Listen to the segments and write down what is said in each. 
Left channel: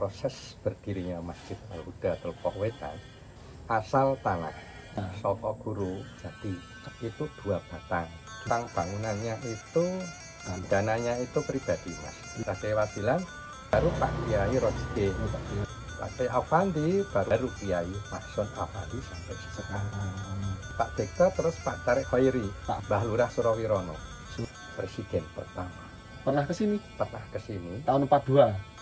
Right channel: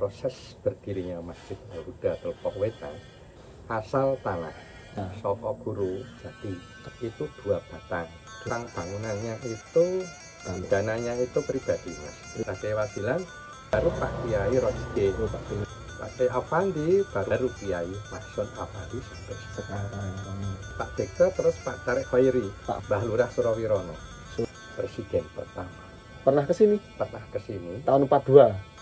proses berdirinya Masjid Al-Huda Telpok Wetan, asal tanah saka guru Jati itu 2 batang. Tentang bangunannya itu dananya itu pribadi Mas. Tade Wasilan baru Pak Kiai Rodsge, Pak Afandi baru Kiai Mason Afandi sampai sekarang. Pak Dekta terus Pak Tarik Khairi, Pak Mbah Lurah Surawirono, presiden pertama. Pernah ke sini? Pernah ke sini Tahun 42.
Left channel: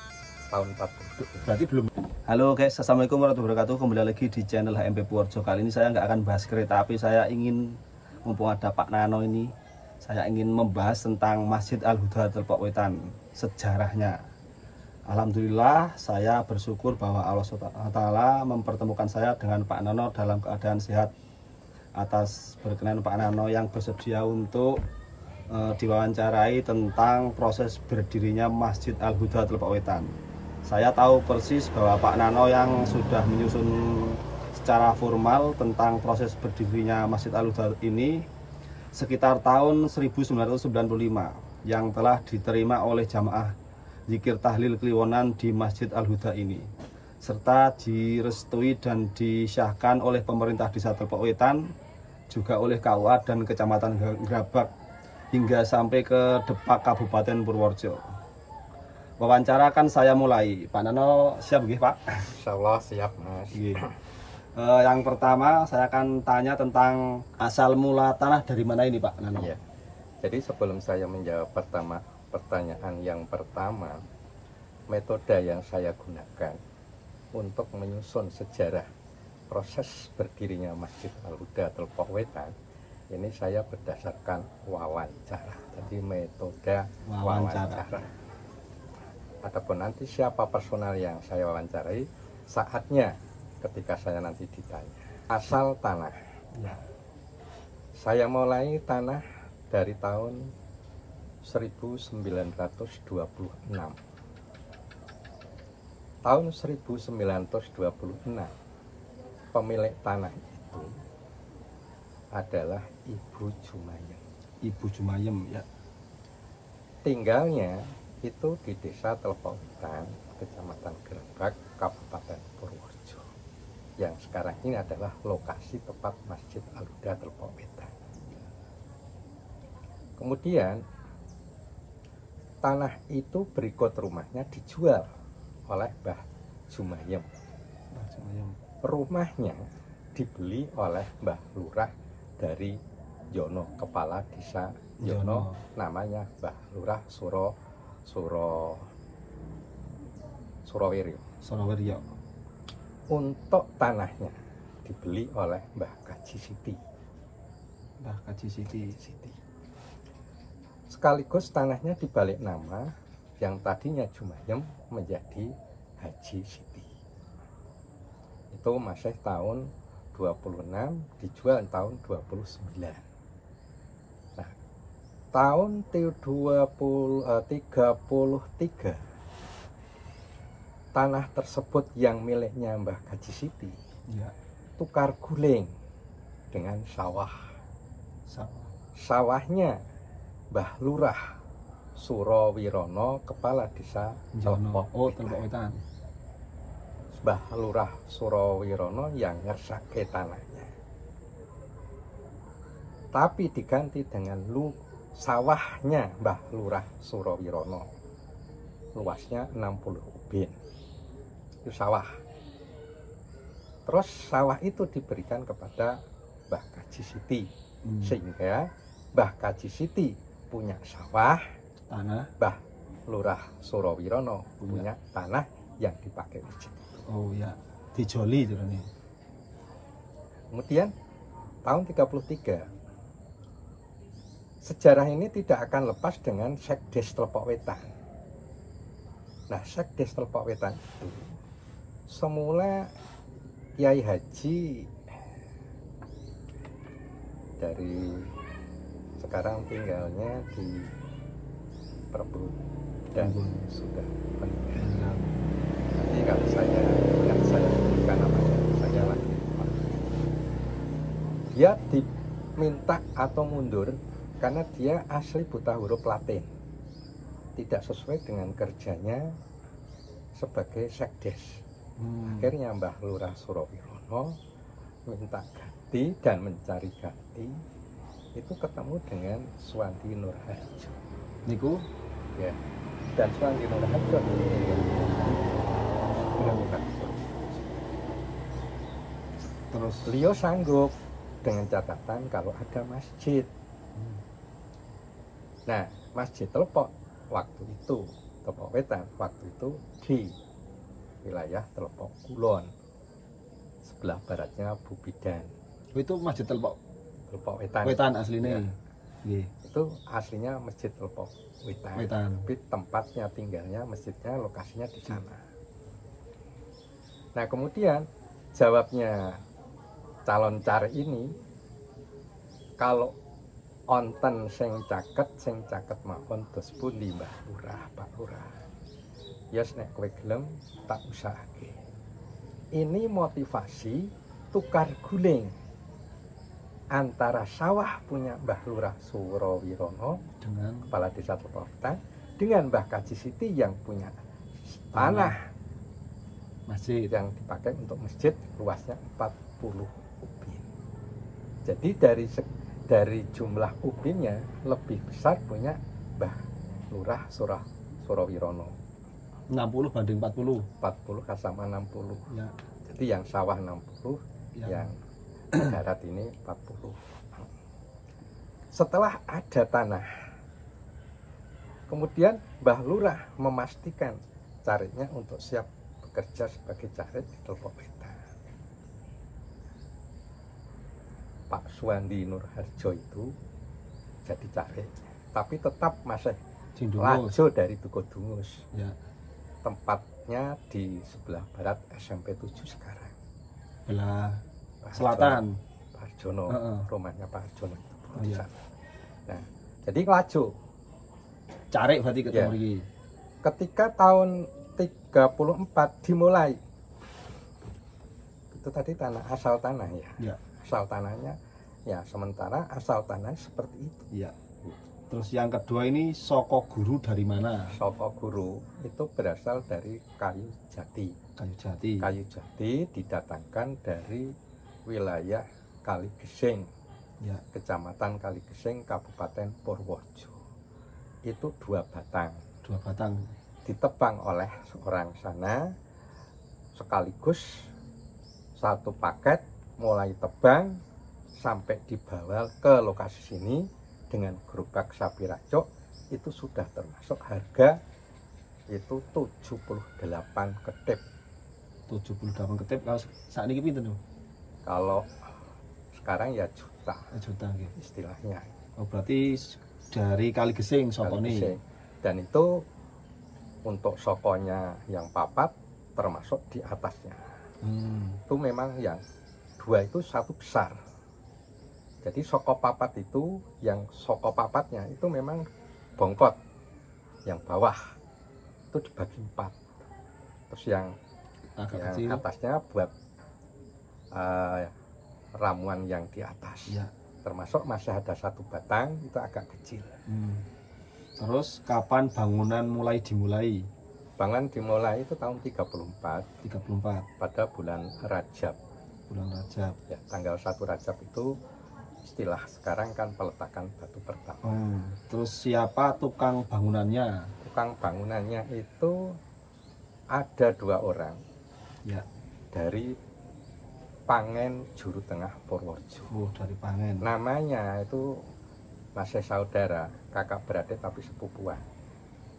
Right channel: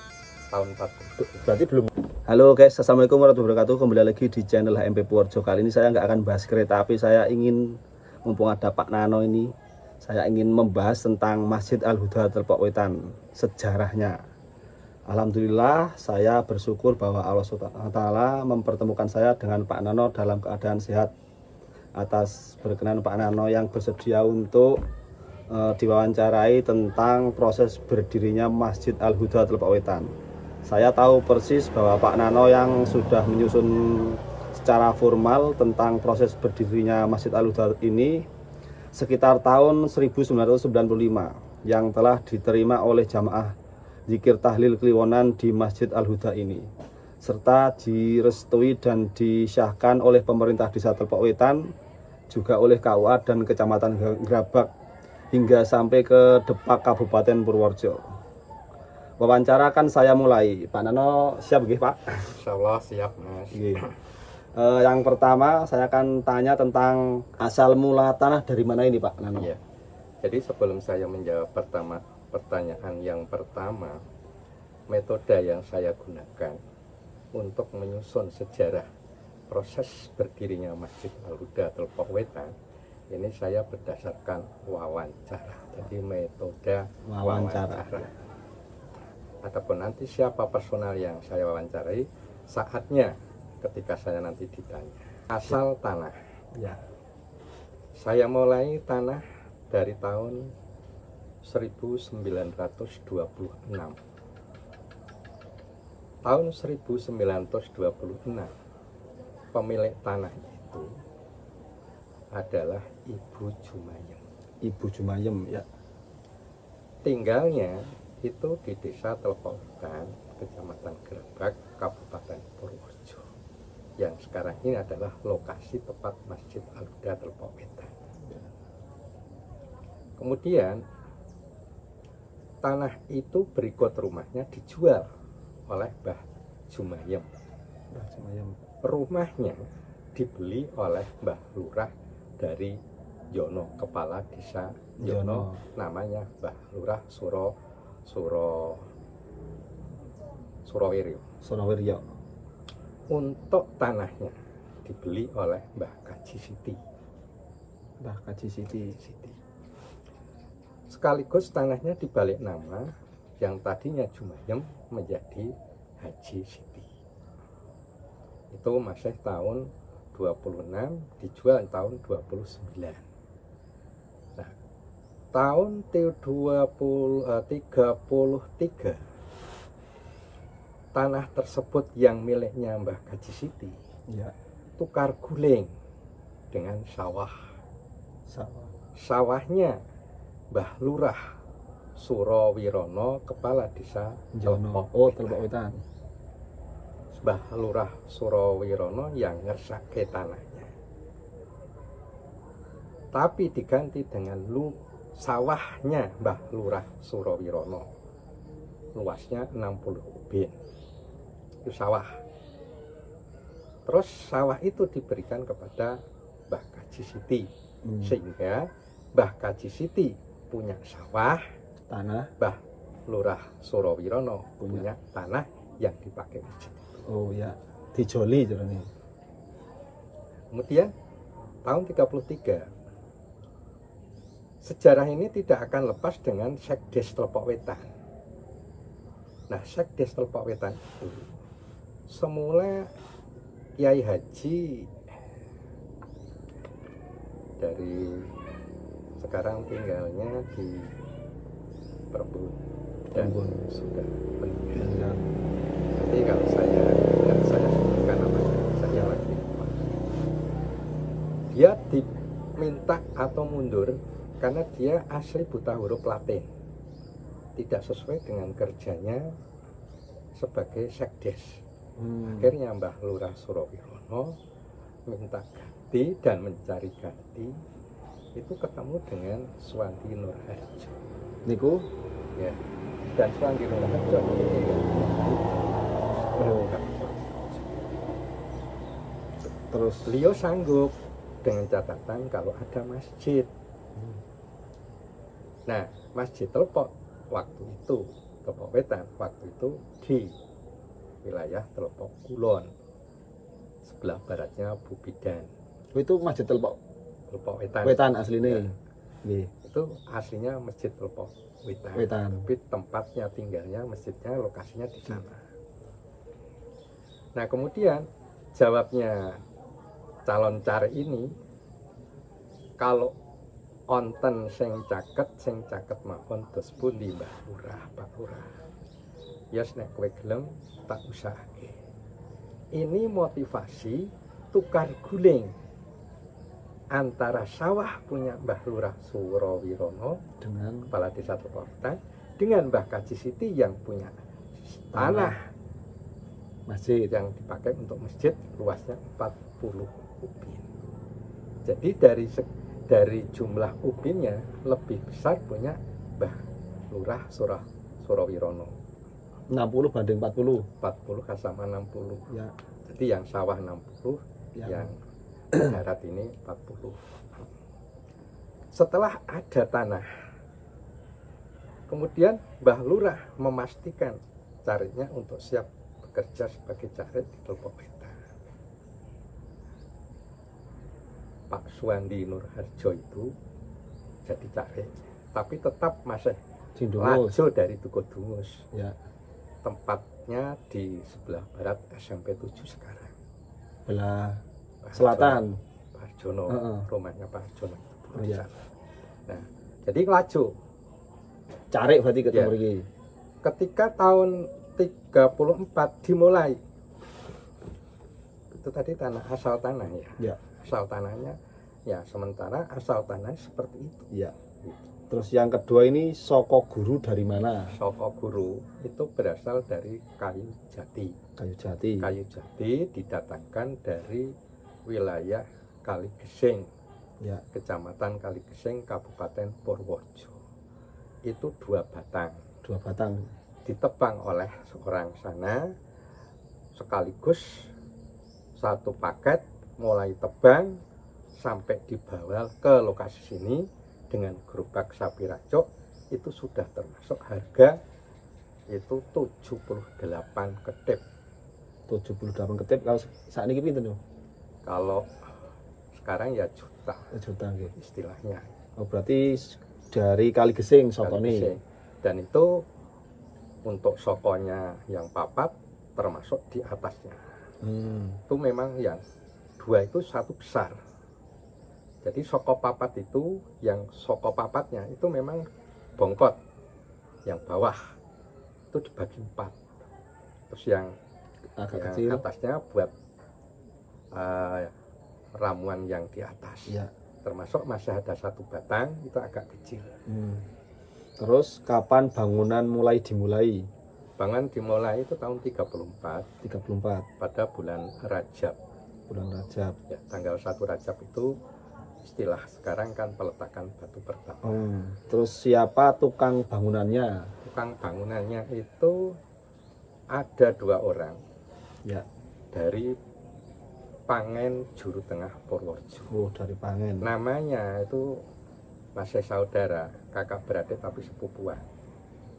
tahun 40. Berarti belum. Halo guys, assalamualaikum warahmatullahi wabarakatuh. Kembali lagi di channel HMP Purworejo. Kali ini saya nggak akan bahas kereta api. Saya ingin, mumpung ada Pak Nano ini, saya ingin membahas tentang Masjid Al-Huda Telpok Wetan, sejarahnya. Alhamdulillah, saya bersyukur bahwa Allah SWT mempertemukan saya dengan Pak Nano dalam keadaan sehat. Atas berkenan Pak Nano yang bersedia untuk diwawancarai tentang proses berdirinya Masjid Al-Huda Telpok Wetan. Saya tahu persis bahwa Pak Nano yang sudah menyusun secara formal tentang proses berdirinya Masjid Al-Huda ini sekitar tahun 1995 yang telah diterima oleh jamaah zikir tahlil Kliwonan di Masjid Al-Huda ini, serta direstui dan disyahkan oleh pemerintah Desa Telpok Wetan, juga oleh KUA dan Kecamatan Grabak, hingga sampai ke Depak Kabupaten Purworejo. Wawancara kan saya mulai. Pak Nano siap nggih, Pak? Insyaallah siap Mas. Yang pertama saya akan tanya tentang asal mula tanah dari mana ini Pak Nano. Ya. Jadi sebelum saya menjawab pertanyaan yang pertama, metode yang saya gunakan untuk menyusun sejarah proses berdirinya Masjid Al-Huda Telpok Wetan ini saya berdasarkan wawancara. Jadi metode wawancara. Ataupun nanti siapa personal yang saya wawancarai saatnya ketika saya nanti ditanya. Asal tanah. Ya. Saya mulai tanah dari tahun 1926. Tahun 1926 pemilik tanah itu adalah Ibu Jumayem. Ibu Jumayem ya. Tinggalnya itu di Desa Telpok Wetan, Kecamatan Grabak, Kabupaten Purworejo. Yang sekarang ini adalah lokasi tepat Masjid Al-Huda Telpok Wetan. Kemudian tanah itu berikut rumahnya dijual oleh Mbah Jumayem. Mbah Jumayem. Rumahnya dibeli oleh Mbah Lurah dari Yono, kepala desa Yono, namanya Mbah Lurah Surawiryo. Untuk tanahnya dibeli oleh Mbah Kaji Siti. Mbah Kaji Siti. Sekaligus tanahnya dibalik nama, yang tadinya Jumayem menjadi Haji Siti. Itu masih tahun 26, dijual tahun 29. Nah, tahun 33 tanah tersebut yang miliknya Mbah Kaji Siti Ya. tukar guling dengan sawah. Sawahnya Mbah Lurah Surawirono, kepala desa Telpok Wetan. Mbah Lurah Surawirono yang ngersake tanahnya, tapi diganti dengan sawahnya Mbah Lurah Surawirono, luasnya 60 ubin. Itu sawah. Terus sawah itu diberikan kepada Mbah Kaji Siti, sehingga Mbah Kaji Siti punya sawah, Mbah Lurah Surawirono punya tanah yang dipakai masjid. Oh ya, dijoli jadinya. Kemudian tahun 33 sejarah ini tidak akan lepas dengan Sekdes Telpok Wetan. Nah, Sekdes Telpok Wetan itu semula Kiai Haji dari sekarang tinggalnya di Perbun dan sudah meninggal. Nanti kalau saya ingat, saya sebutkan namanya, saya lagi lupa. Dia diminta atau mundur karena dia asli buta huruf Latin, tidak sesuai dengan kerjanya sebagai sekdes. Akhirnya Mbah Lurah Surawirono minta ganti dan mencari ganti, itu ketemu dengan Suwandi Nurharjo. Niku Ya. Dan Suwandi Nurharjo itu tinggalnya di Kerempat. terus Beliau sanggup dengan catatan kalau ada masjid. Nah, Masjid Telepok waktu itu, Telepok Wetan waktu itu di wilayah Telepok Kulon, sebelah baratnya Bubidan. itu Masjid Telepok Telepok Wetan, Wetan aslinya. Ya. Nggih, Itu aslinya Masjid Telepok Wetan. Wetan. Tapi tempatnya tinggalnya, masjidnya, lokasinya di sana. Nah, kemudian jawabnya calon cari ini, kalau onten sing caket mawon dos pundi Mbah Lurah, Pak Lurah. Ya nek kowe gelem tak usahake. Ini motivasi tukar guling antara sawah punya Mbah Lurah Surawirono, dengan kepala desa Tepotan, dengan Mbah Kaji Siti yang punya tanah masjid. yang dipakai untuk masjid luasnya 40 ubin. Jadi dari jumlah ubinnya lebih besar punya Mbah Lurah Surawirono. 60 banding 40. 40 sama 60. Ya, Jadi yang sawah 60, ya. yang darat ini 40. Setelah ada tanah, kemudian Mbah Lurah memastikan careknya untuk siap bekerja sebagai carik di Telepok Wetan. Pak Suwandi Nurharjo itu jadi carik, tapi tetap masih Cindungus. lajo dari Tugodungus. Ya, Tempatnya di sebelah barat SMP 7 sekarang. belah Pak selatan. Pak Arjono, rumahnya Pak Arjono itu di Iya. sana. Nah, jadi laju. Carik berarti ketemu Ya. mriki. Ketika tahun 34 dimulai, itu tadi tanah asal tanah ya. Ya, Asal tanahnya ya, sementara asal tanah seperti itu. ya. Terus yang kedua ini soko guru dari mana? Soko guru itu berasal dari kayu jati. Kayu jati. Kayu jati didatangkan dari wilayah Kaligesing, Ya, Kecamatan Kaligesing, Kabupaten Purworejo. Itu 2 batang. 2 batang. Ditebang oleh seorang sana, sekaligus 1 paket mulai tebang sampai dibawa ke lokasi sini dengan gerobak sapi racok. Itu sudah termasuk harga itu 78 ketip. 78 ketip. Kalau saat ini pinten tuh? Kalau sekarang ya juta Juta nggih. istilahnya. Oh, berarti dari Kaligesing sokone. Kaligesing. Dan itu untuk sokonya yang papat termasuk di atasnya. Itu memang yang 2 itu 1 besar. Jadi soko papat itu, yang soko papatnya itu memang bongkot. Yang bawah itu dibagi 4. Terus yang Agak kecil. atasnya buat ramuan yang di atas. Ya. Termasuk masih ada 1 batang itu agak kecil. Terus kapan bangunan mulai dimulai? Bangunan dimulai itu tahun 34 34 pada bulan Rajab. bulan Rajab. Ya, tanggal 1 Rajab itu istilah sekarang kan peletakan batu pertama. Terus siapa tukang bangunannya? Tukang bangunannya itu ada 2 orang. Ya. Dari Pangen Juru Tengah Purworejo. Oh, dari Pangen. Namanya itu masih saudara, kakak beradik tapi sepupuan.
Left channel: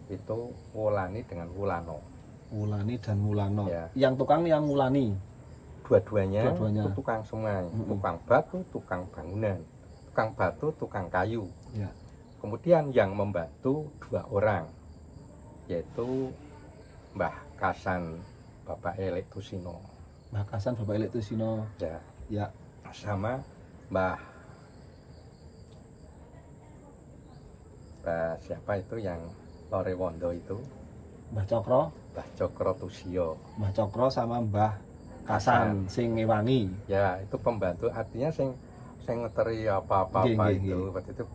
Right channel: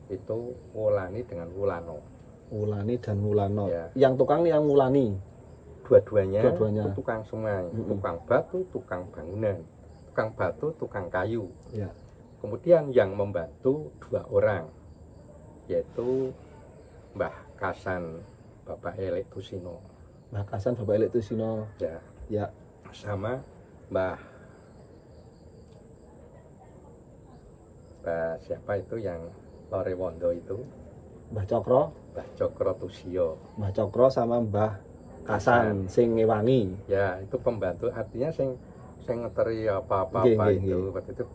Itu Wulani dengan Wulano. Wulani dan Wulano. Ya. Yang tukang yang Wulani. Dua-duanya Dua-duanya. itu tukang semua. Tukang batu, tukang bangunan. Tukang batu, tukang kayu. Ya. Kemudian yang membantu 2 orang, yaitu Mbah Kasan Bapak Elek Tusino. Mbah Kasan Bapak Elek Tusino. Ya. Ya. Sama Mbah siapa itu yang Lorewondo itu, Mbah Cokro. Mbah Cokro Tusio. Mbah Cokro sama Mbah Kasan sing ngewangi. Ya, itu pembantu, artinya sing ngeteri apa-apa Nggih, itu. nggih. Waktu itu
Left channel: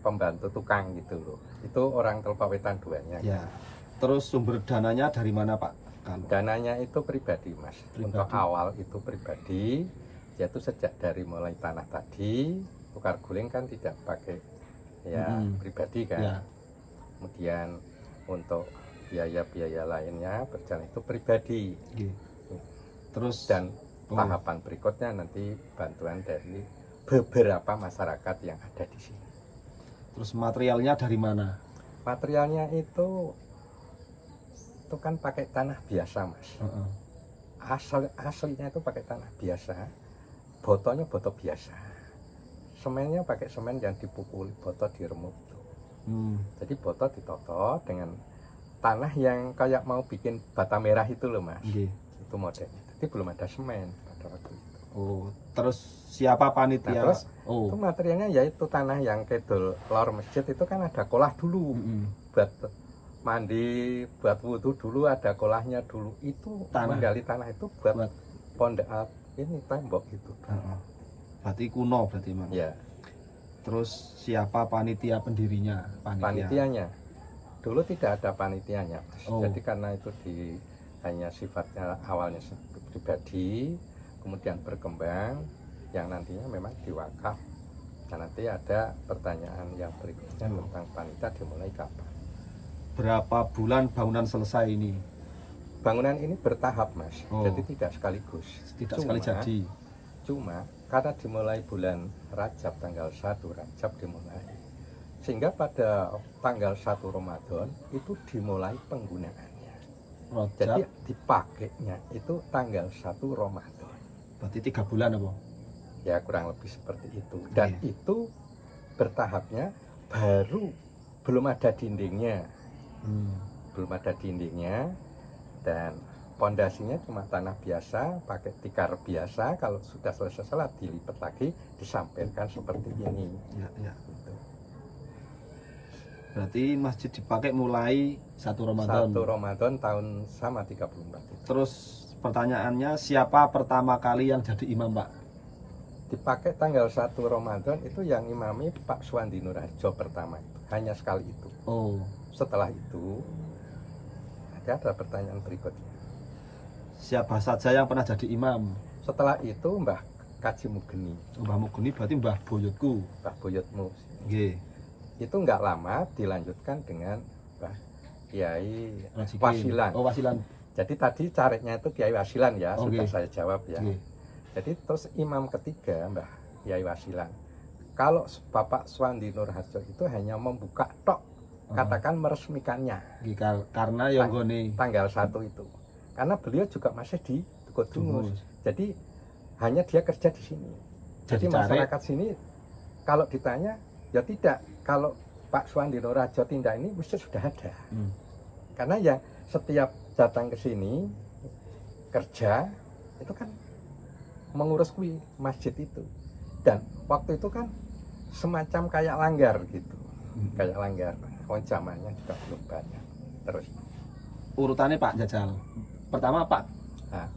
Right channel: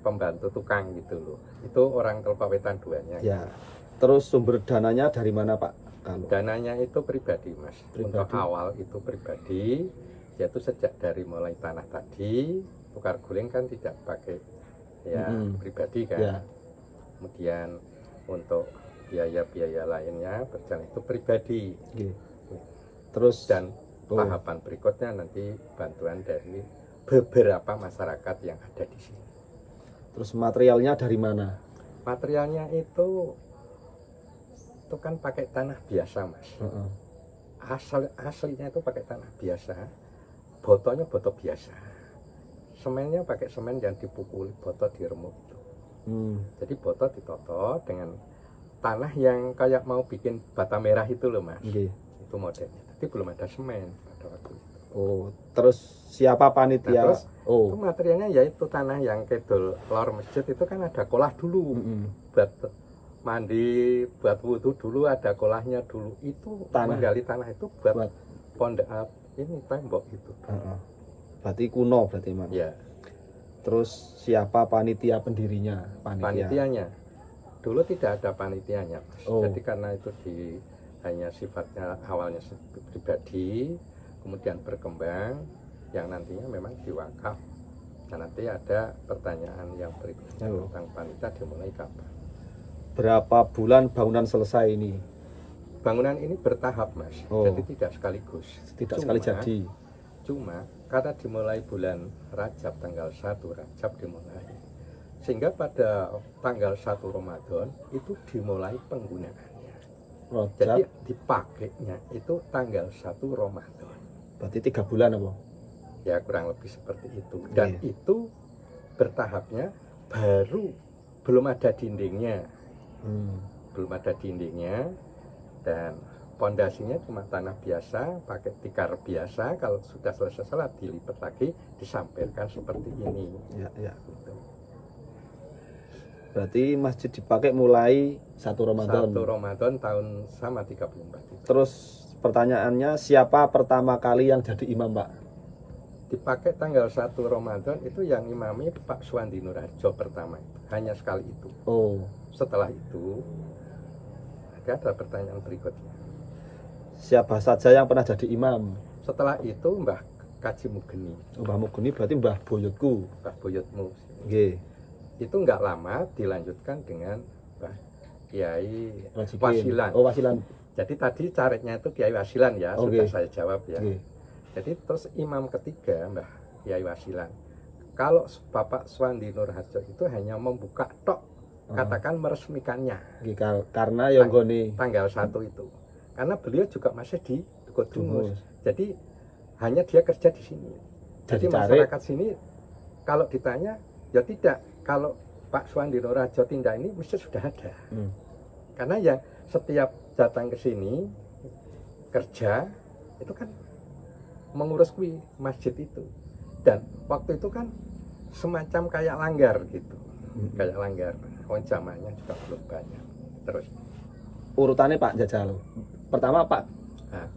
pembantu tukang gitu loh. Itu orang Telepok Wetan 2-nya. Ya. Terus sumber dananya dari mana, Pak? kalau Dananya itu pribadi, Mas. Pribadi. Untuk awal itu pribadi, yaitu sejak dari mulai tanah tadi, tukar guling kan tidak pakai ya pribadi kan. ya. Kemudian untuk biaya-biaya lainnya berjalan itu pribadi. Nggih. Terus Dan tahapan berikutnya nanti bantuan dari beberapa masyarakat yang ada di sini. Terus materialnya dari mana? Materialnya itu kan pakai tanah biasa, Mas. Aslinya itu pakai tanah biasa, botonya boto biasa, semennya pakai semen yang dipukuli, boto diremuk tuh. Jadi boto ditoto dengan tanah yang kayak mau bikin bata merah itu loh, Mas. Itu modelnya. Jadi belum ada semen pada waktu itu. Terus siapa panitia? Terus itu materialnya yaitu tanah yang kedul lor masjid itu kan ada kolah dulu. Buat mandi, buat wudhu dulu ada kolahnya dulu. Itu menggali tanah itu buat pondok ini tembok itu. Berarti kuno berarti, Mas. Ya. Terus siapa panitia pendirinya? Panitianya. Dulu tidak ada panitianya, Mas. Jadi karena itu hanya sifatnya awalnya pribadi, kemudian berkembang yang nantinya memang diwakaf. Dan nanti ada pertanyaan yang berikutnya tentang panitia dimulai kapan. Berapa bulan bangunan selesai ini? Bangunan ini bertahap, Mas. Jadi tidak sekaligus. Tidak sekali jadi. Cuma karena dimulai bulan Rajab, tanggal 1 Rajab dimulai. Sehingga pada tanggal 1 Ramadan itu dimulai penggunaannya. Jadi dipakainya itu tanggal 1 Ramadan. Berarti 3 bulan apa? Ya kurang lebih seperti itu. Dan itu bertahapnya baru belum ada dindingnya. Belum ada dindingnya dan pondasinya cuma tanah biasa, pakai tikar biasa. Kalau sudah selesai salat dilipat lagi, disampirkan seperti ini. Ya. Gitu. Berarti masjid dipakai mulai 1 Ramadan. 1 Ramadan tahun sama 34 itu. Terus pertanyaannya, siapa pertama kali yang jadi imam, Pak? Dipakai tanggal 1 Ramadan itu yang imami Pak Suwandi Nurharjo pertama itu. Hanya sekali itu. Setelah itu ada pertanyaan berikutnya. Siapa saja yang pernah jadi imam? Setelah itu Mbah Kaji Mugeni. Mbah Mugeni berarti Mbah Boyotku. Mbah Boyotmu. Nggih. Itu enggak lama dilanjutkan dengan Mbah Kiai Rajikin. Wasilan. Wasilan. Jadi tadi careknya itu Kiai Wasilan ya, sudah saya jawab ya. Jadi terus imam ketiga Mbah Kiai Wasilan. Kalau Bapak Suwandi Nurharjo itu hanya membuka tok, katakan meresmikannya. Karena yang tanggal 1 itu. Karena beliau juga masih di Tugodungus. Jadi hanya dia kerja di sini. Jadi masyarakat sini kalau ditanya ya tidak. Kalau Pak Suwandi Nurharjo tindak ini mesti sudah ada. Karena yang setiap datang ke sini kerja itu kan mengurus masjid itu. Dan waktu itu kan semacam kayak langgar gitu. Kayak langgar. Zamannya juga belum banyak. Terus urutannya Pak Jajal. Pertama Pak. Nah,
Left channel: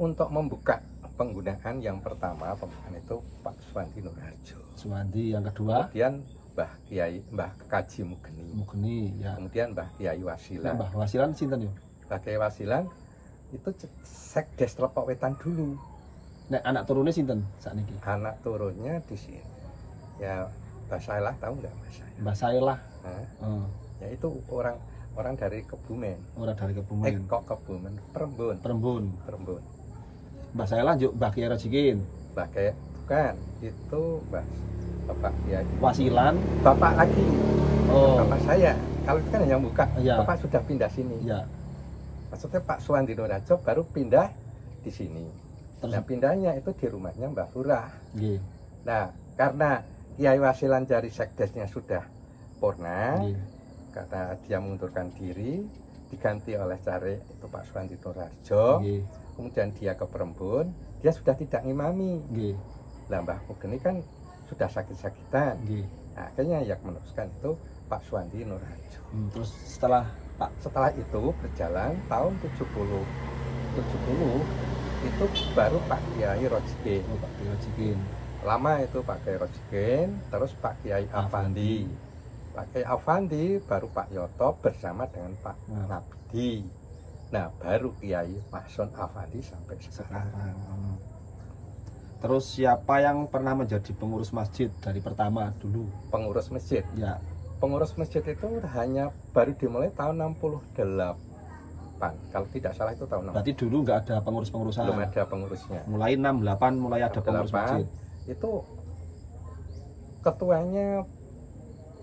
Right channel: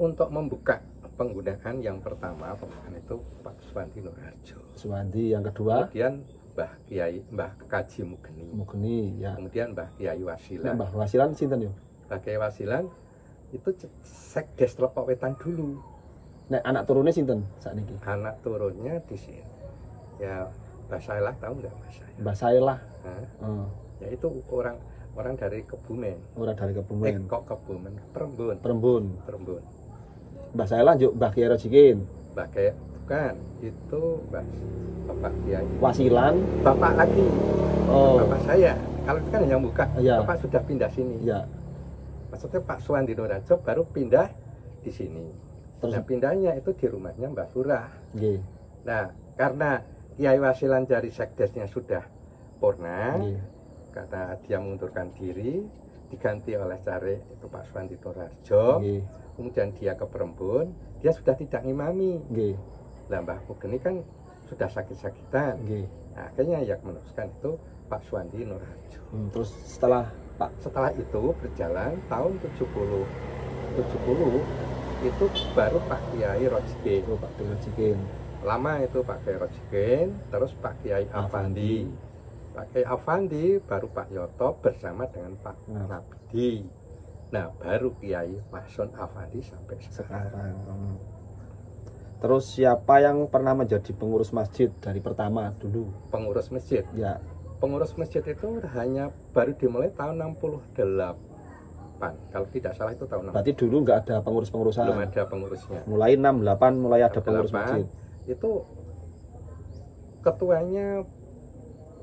untuk membuka penggunaan yang pertama pembukaan itu Pak Suwandi Nurharjo. Suwandi, yang kedua kemudian Mbah Kaji Mugeni ya. Kemudian Mbah Kiai Wasilan. Mbah Wasilan sinten yo? Mbah Kiai Wasilan itu Sekdes Lepok Wetan dulu. Nek anak turunnya sinten sakniki? Anak turunnya di sini. Ya Mbah Saelah, tahu nggak Mbah Saelah? Mbah Saelah. Ya itu orang dari Kebumen. Orang dari Kebumen. Kok Kebumen? Perembun. Mbah Saelah juk Mbah Kiai Rajikin. Mbah Kiai bukan, itu Bapak Kiai Wasilan. Bapak lagi. Bapak saya. Kalau itu kan yang buka. Bapak sudah pindah sini. Ya. Maksudnya Pak Suwandi Nurharjo baru pindah di sini. Terus nah, pindahnya itu di rumahnya Mbah Lurah. Nah, karena Kiai Wasilan dari sekdesnya sudah purna, karena dia mengundurkan diri, diganti oleh Care itu Pak Suwandi Nurharjo. Kemudian dia ke Perembun, dia sudah tidak ngimami. Lah Mbah Mugeni kan sudah sakit-sakitan. Nah, akhirnya yang meneruskan itu Pak Suwandi Nurharjo. Terus setelah itu berjalan tahun 70 itu baru Pak Kiai Rojikin. Pak Kiai Rojikin. Lama itu Pak Kiai Rojikin, terus Pak Kiai Afandi. Pak Kiai Afandi baru Pak Yoto bersama dengan Pak Nabdi. Nah, baru Kiai Mahsun Afandi sampai sekarang. sekarang. Terus siapa yang pernah menjadi pengurus masjid dari pertama dulu? Pengurus masjid. Ya, Pengurus masjid itu hanya baru dimulai tahun 68. Kalau tidak salah itu tahun 68. berarti dulu nggak ada pengurus-pengurusan. Belum ada pengurusnya. Mulai 68 mulai ada pengurus 68, masjid. itu ketuanya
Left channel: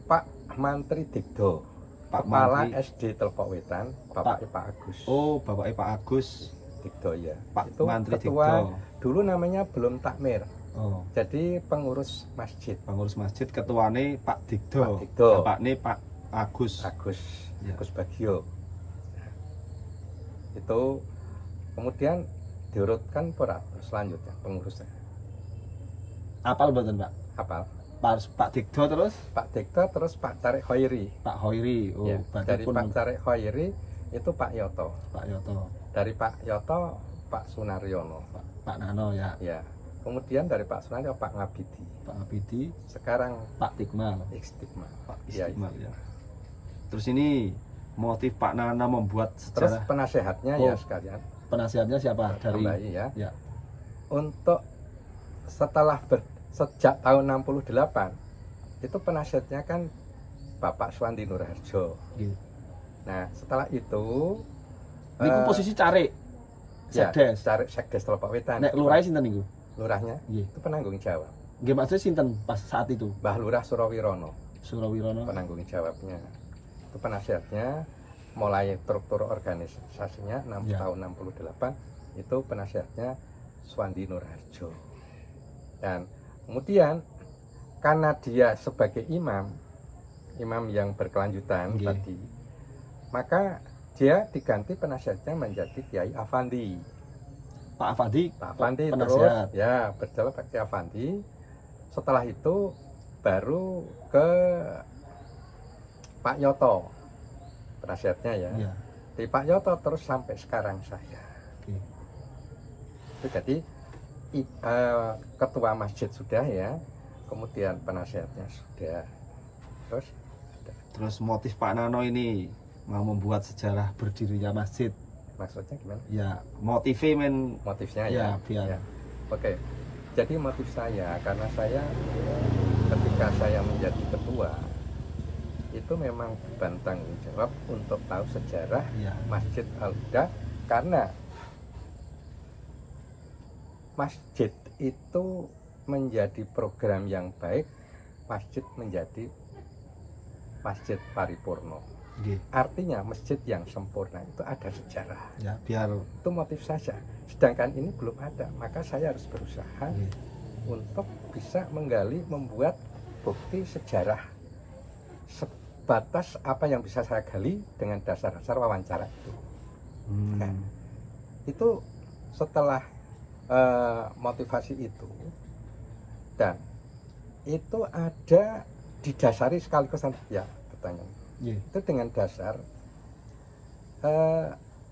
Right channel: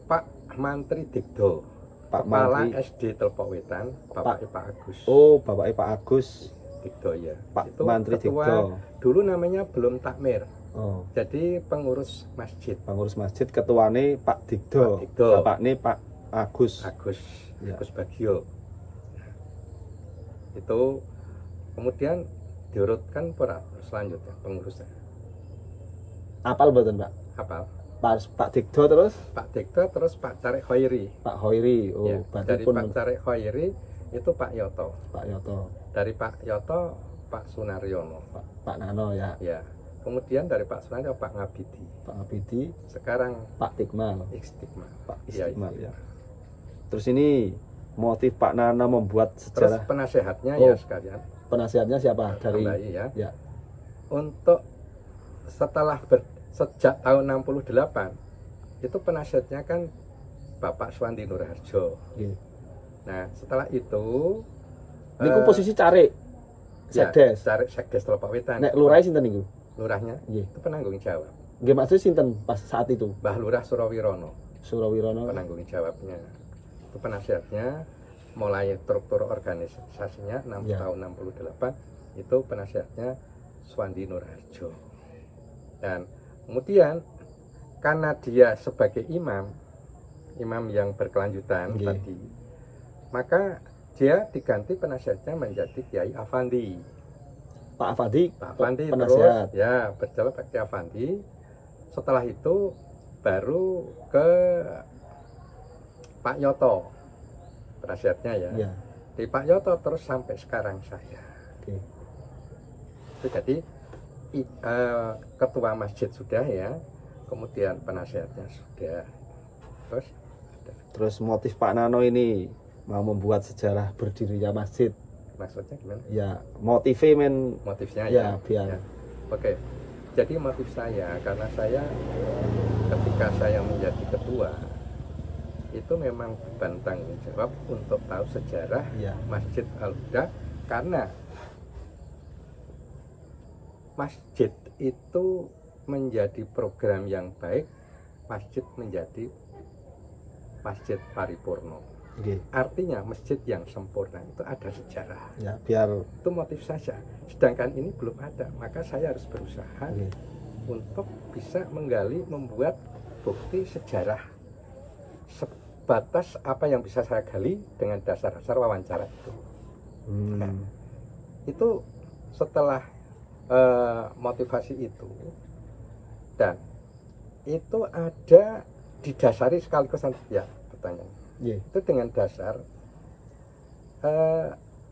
Pak Mantri Digdo, Pak Kepala Mantri. SD Telpok Wetan, Bapak Pak Agus. Oh, Bapak Pak Agus. Digdo ya. Pak Itu Mantri ketua, Digdo. dulu namanya belum takmir. Oh, Jadi pengurus masjid pengurus masjid ketuane Pak Digdo. Pak Digdo. Bapaknya Pak Agus. Agus, Ya. Agus Bagio. Itu kemudian diurutkan selanjutnya pengurusnya. Apal mboten, Pak? Hafal? Pak Digdo terus Pak Digdo, terus Pak Tarik Khairi. Pak Hoiri. Oh, Ya, berarti dari pun Pak Tarik Khairi itu Pak Yoto. Pak Yoto, Dari Pak Yoto Pak Sunaryono. Pak Nano ya, Ya. Kemudian dari Pak Sunaryono Pak Ngabidi. Pak Abidi, Sekarang Pak Tikmal, Istiqmal. Pak Ya, Istiqmal ya. Istiqmal. Terus ini motif Pak Nano membuat Terus sejarah. penasehatnya Oh. ya sekalian. Penasihatnya siapa? Dari Tambahi ya. ya. Untuk setelah sejak tahun 68 itu penasihatnya kan Bapak Swandi Nurharjo. Nggih. Nah, setelah itu Niku posisi cari ya, Sekdes. cari Sekdes Telpok Wetan. Nek lurah sinten niku? Lurahnya Nggih. itu penanggung jawab. Nggih maksudnya sinten pas saat itu? Mbah Lurah Surawirono Surawirono. penanggung jawabnya. Itu penasihatnya mulai struktur organisasinya Ya. tahun 68 itu penasihatnya Swandi Nurharjo. Dan kemudian karena dia sebagai imam yang berkelanjutan Nggih. tadi, maka dia diganti penasihatnya menjadi Kiai Afandi. Pak Afandi, Pak Afandi terus penasihat. ya berjalan pakai Afandi. Setelah itu baru ke Pak Yoto penasihatnya ya. Ya. Di Pak Yoto terus sampai sekarang saya. Oke. Itu jadi ketua masjid sudah ya, kemudian penasihatnya sudah. Terus motif Pak Nano ini mau membuat sejarah berdirinya masjid. Maksudnya gimana? Ya, motifnya men Motifnya ya biar ya. Oke. Jadi motif saya karena saya ketika saya menjadi ketua itu memang beban tanggung jawab untuk tahu sejarah ya. Masjid Al-Huda, karena masjid itu menjadi program yang baik, masjid menjadi masjid paripurno. Nggih. Artinya masjid yang sempurna itu ada sejarah. Ya, biar Itu motif saja. Sedangkan ini belum ada, maka saya harus berusaha nggih. untuk bisa menggali, membuat bukti sejarah sebatas apa yang bisa saya gali dengan dasar-dasar wawancara itu. Nah, itu setelah motivasi itu, dan itu ada didasari sekaligus ya pertanyaan Nggih. itu dengan dasar